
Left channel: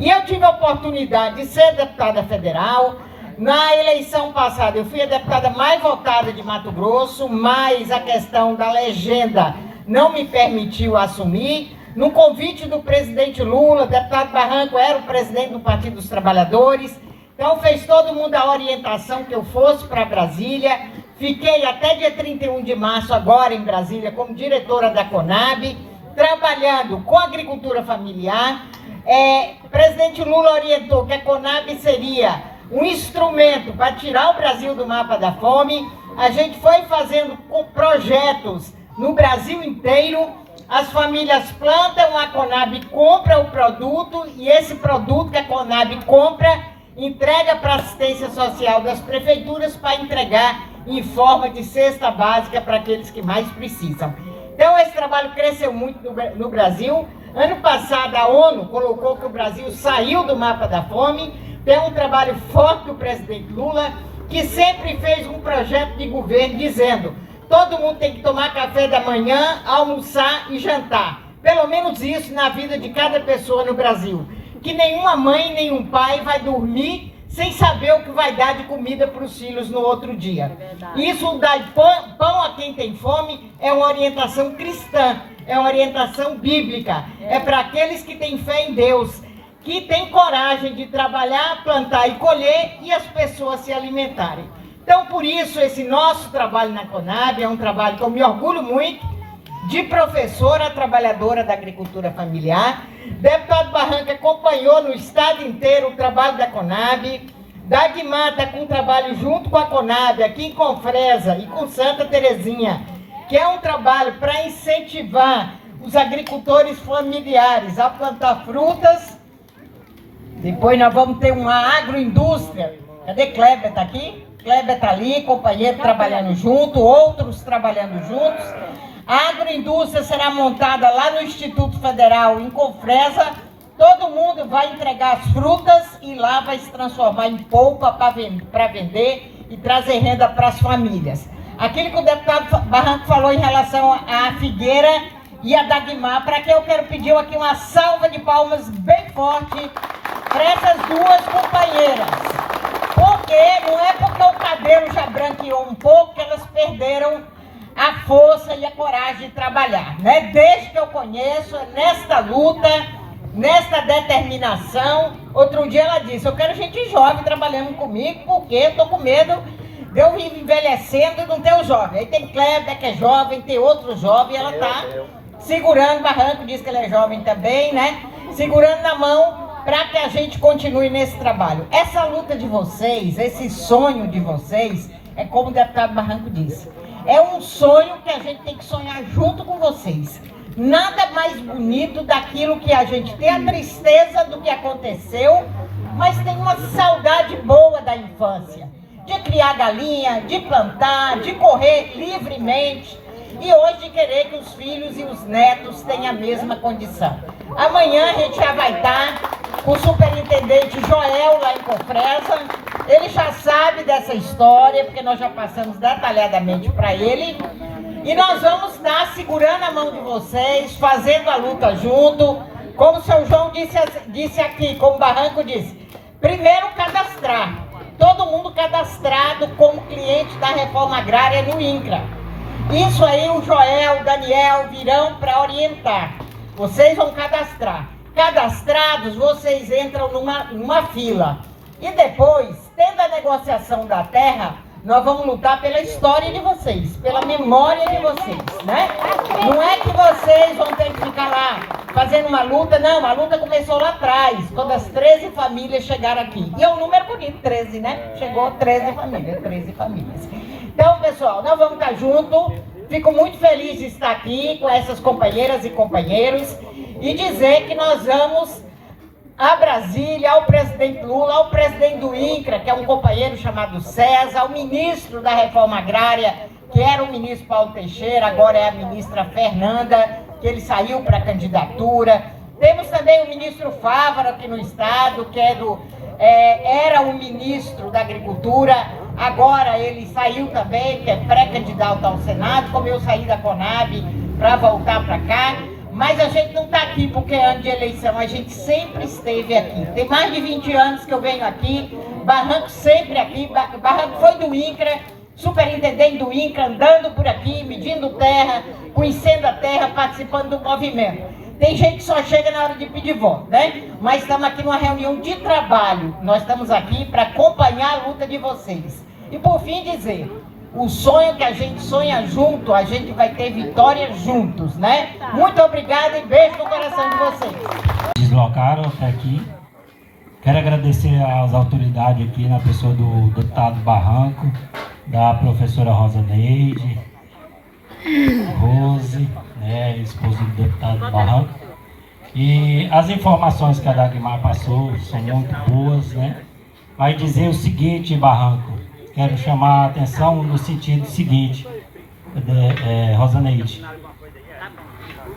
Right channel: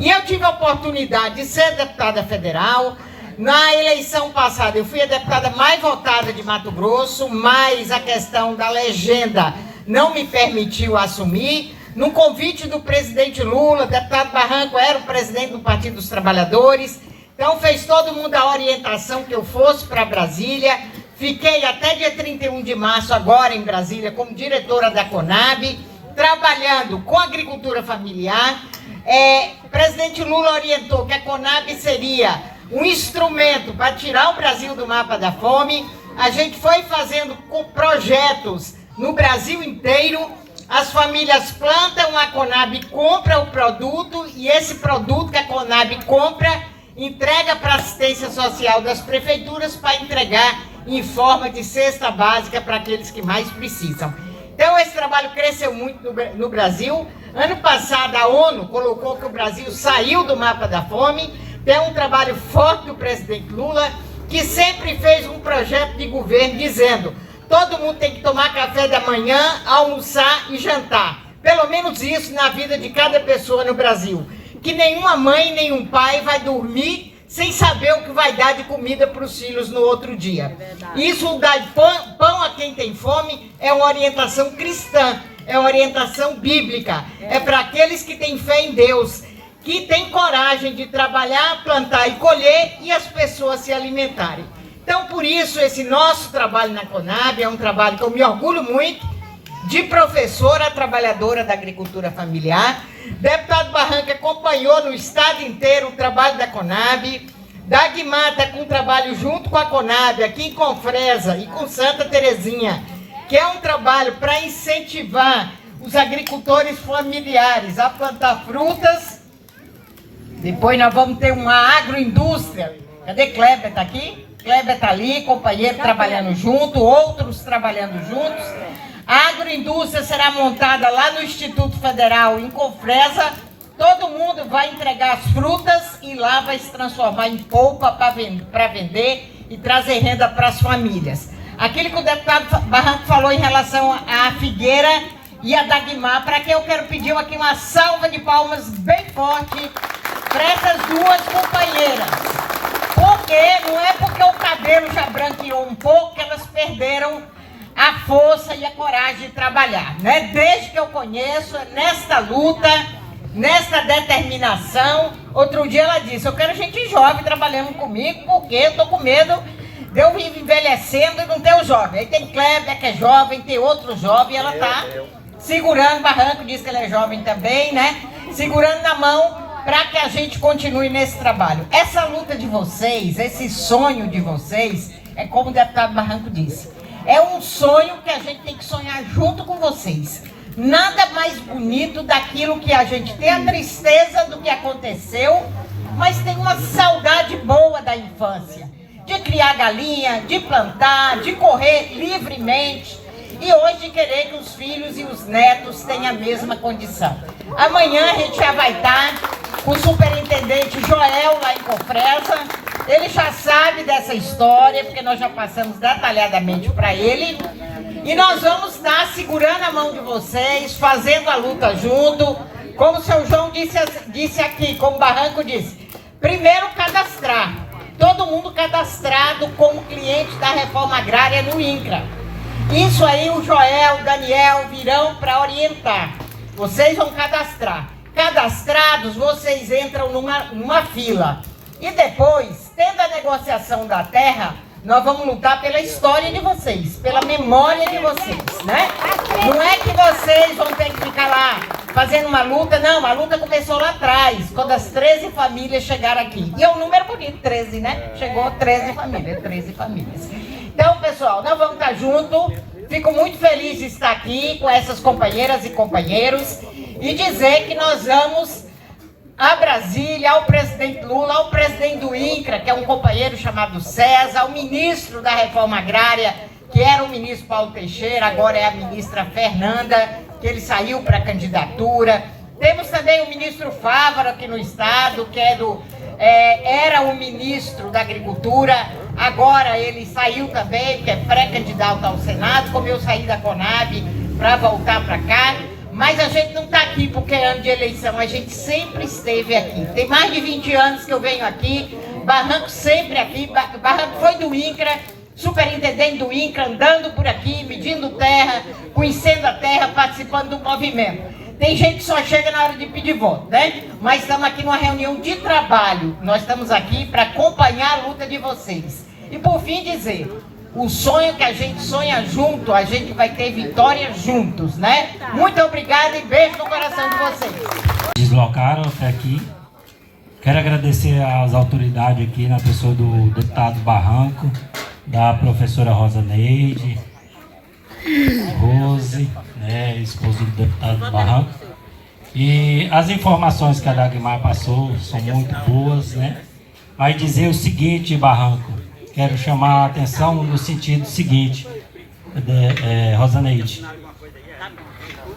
E eu tive a oportunidade de ser deputada federal. Na eleição passada eu fui a deputada mais votada de Mato Grosso, mas a questão da legenda não me permitiu assumir. No convite do presidente Lula, o deputado Barranco era o presidente do Partido dos Trabalhadores, então fez todo mundo a orientação que eu fosse para Brasília. Fiquei até dia 31 de março agora em Brasília como diretora da Conab, trabalhando com agricultura familiar. O presidente Lula orientou que a Conab seria um instrumento para tirar o Brasil do mapa da fome. A gente foi fazendo projetos no Brasil inteiro, as famílias plantam, a Conab compra o produto, e esse produto que a Conab compra, entrega para a assistência social das prefeituras para entregar em forma de cesta básica para aqueles que mais precisam. Então esse trabalho cresceu muito no Brasil. Ano passado a ONU colocou que o Brasil saiu do mapa da fome. Tem um trabalho forte do presidente Lula, que sempre fez um projeto de governo dizendo: todo mundo tem que tomar café da manhã, almoçar e jantar. Pelo menos isso na vida de cada pessoa no Brasil. Que nenhuma mãe, nenhum pai vai dormir sem saber o que vai dar de comida para os filhos no outro dia. Isso dá pão a quem tem fome é uma orientação cristã, é uma orientação bíblica. É para aqueles que têm fé em Deus, que têm coragem de trabalhar, plantar e colher, e as pessoas se alimentarem. Então, por isso, esse nosso trabalho na Conab é um trabalho que eu me orgulho muito, de professora trabalhadora da agricultura familiar. Deputado Barranco acompanhou no estado inteiro o trabalho da Conab. Dagmar está com um trabalho junto com a Conab, aqui em Confresa e com Santa Terezinha, que é um trabalho para incentivar os agricultores familiares a plantar frutas. Depois nós vamos ter uma agroindústria. Cadê Kleber? Está aqui? Kleber está ali, companheiro trabalhando junto, outros trabalhando juntos. A agroindústria será montada lá no Instituto Federal, em Confresa. Todo mundo vai entregar as frutas e lá vai se transformar em polpa para vender e trazer renda para as famílias. Aquilo que o deputado Barranco falou em relação à Figueira e a Dagmar, para quem eu quero pedir aqui uma salva de palmas bem forte para essas duas companheiras. Porque não é porque o cabelo já branqueou um pouco que elas perderam a força e a coragem de trabalhar, né? Desde que eu conheço, nesta luta, nessa determinação. Outro dia ela disse, eu quero gente jovem trabalhando comigo, porque eu tô com medo de eu ir envelhecendo e não ter o jovem. Aí tem Kleber, que é jovem, tem outro jovem, ela tá segurando o barranco, diz que ele é jovem também, né? Segurando na mão para que a gente continue nesse trabalho. Essa luta de vocês, esse sonho de vocês, é como o deputado Barranco disse, é um sonho que a gente tem que sonhar junto com vocês. Nada mais bonito daquilo que a gente tem a tristeza do que aconteceu, mas tem uma saudade boa da infância, de criar galinha, de plantar, de correr livremente, e hoje querer que os filhos e os netos tenham a mesma condição. Amanhã a gente já vai estar com o superintendente Joel lá em Cofresa. Ele já sabe dessa história, porque nós já passamos detalhadamente para ele. E nós vamos estar segurando a mão de vocês, fazendo a luta junto. Como o seu João disse aqui, como o Barranco disse, primeiro cadastrar. Todo mundo cadastrado como cliente da reforma agrária no INCRA. Isso aí o Joel, o Daniel virão para orientar. Vocês vão cadastrar. Cadastrados, vocês entram numa fila. E depois, tendo a negociação da terra, nós vamos lutar pela história de vocês, pela memória de vocês, né? Não é que vocês vão ter que ficar lá fazendo uma luta, não, a luta começou lá atrás, quando as 13 famílias chegaram aqui. E é um número bonito, 13, né? Chegou 13 famílias. Então, pessoal, nós vamos estar juntos. Fico muito feliz de estar aqui com essas companheiras e companheiros e dizer que nós vamos a Brasília, ao presidente Lula, ao presidente do INCRA, que é um companheiro chamado César, ao ministro da Reforma Agrária, que era o ministro Paulo Teixeira, agora é a ministra Fernanda, que ele saiu para a candidatura. Temos também o ministro Fávaro aqui no estado, que era o ministro da Agricultura, agora ele saiu também, que é pré-candidato ao Senado, como eu saí da Conab para voltar para cá. Mas a gente não está aqui porque é ano de eleição, a gente sempre esteve aqui. Tem mais de 20 anos que eu venho aqui, Barranco sempre aqui, Barranco foi do INCRA, superintendente do INCRA, andando por aqui, medindo terra, conhecendo a terra, participando do movimento. Tem gente que só chega na hora de pedir voto, né? Mas estamos aqui numa reunião de trabalho, nós estamos aqui para acompanhar a luta de vocês. E por fim dizer, o sonho que a gente sonha junto, a gente vai ter vitória juntos, né? Muito obrigada e beijo no coração de vocês. Deslocaram até aqui. Quero agradecer às autoridades aqui, na pessoa do deputado Barranco, da professora Rosa Neide, Rose, né, esposa do deputado Barranco. E as informações que a Dagmar passou são muito boas, né? Vai dizer o seguinte, Barranco, quero chamar a atenção no sentido seguinte, Rosa Neide.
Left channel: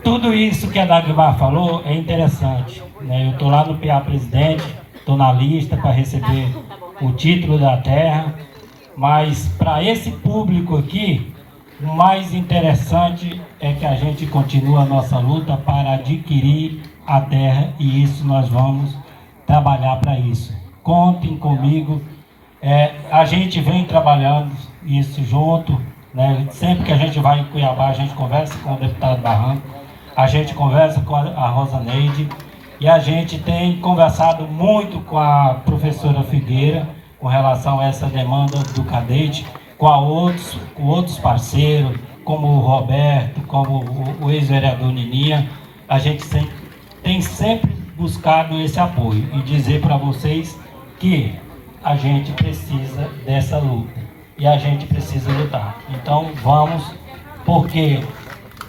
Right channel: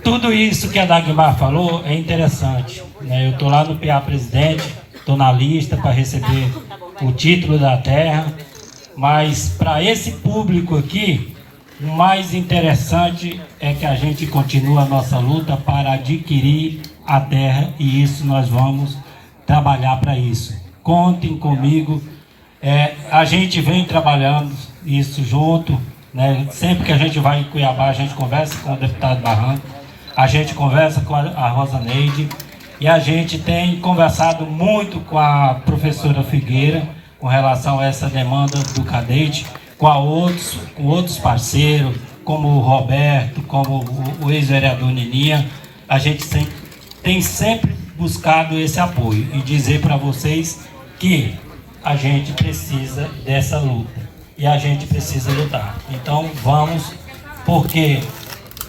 Tudo isso que a Dagmar falou é interessante, né? Eu estou lá no PA Presidente, estou na lista para receber o título da terra, mas para esse público aqui, o mais interessante é que a gente continua a nossa luta para adquirir a terra, e isso nós vamos trabalhar para isso. Contem comigo, a gente vem trabalhando isso junto, né? Sempre que a gente vai em Cuiabá, a gente conversa com o deputado Barranco, a gente conversa com a Rosa Neide, e a gente tem conversado muito com a professora Figueira com relação a essa demanda do cadete, com outros parceiros, como o Roberto, como o ex-vereador Nininha. A gente tem sempre buscado esse apoio e dizer para vocês que a gente precisa dessa luta e a gente precisa lutar. Então vamos, porque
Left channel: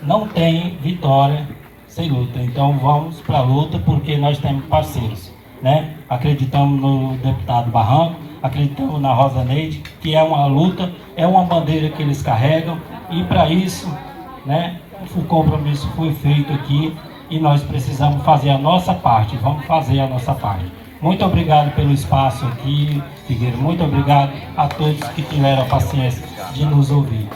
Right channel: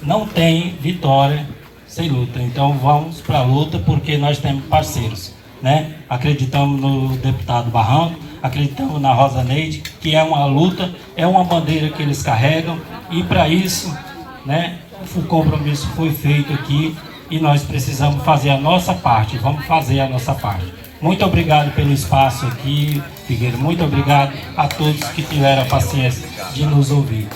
não tem vitória sem luta. Então vamos para a luta, porque nós temos parceiros, né? Acreditamos no deputado Barranco, acreditamos na Rosa Neide, que é uma luta, é uma bandeira que eles carregam, e para isso, né, o compromisso foi feito aqui e nós precisamos fazer a nossa parte, vamos fazer a nossa parte. Muito obrigado pelo espaço aqui, Figueiredo, muito obrigado a todos que tiveram a paciência de nos ouvir.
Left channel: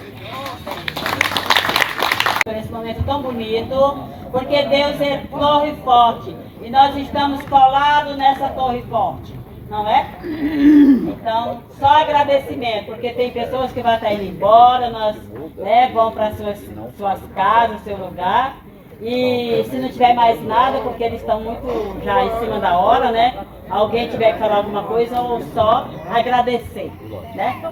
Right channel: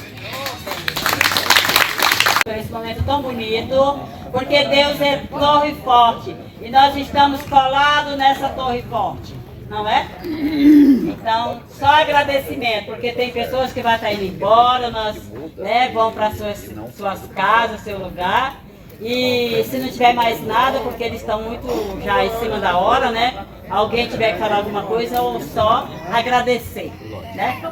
Por esse momento tão bonito, porque Deus é torre forte e nós estamos colados nessa torre forte, não é? Então, só agradecimento, porque tem pessoas que vão estar indo embora, nós, né, vão para suas casas, seu lugar, E se não tiver mais nada, porque eles estão muito já em cima da hora, né? Alguém tiver que falar alguma coisa ou só agradecer, né?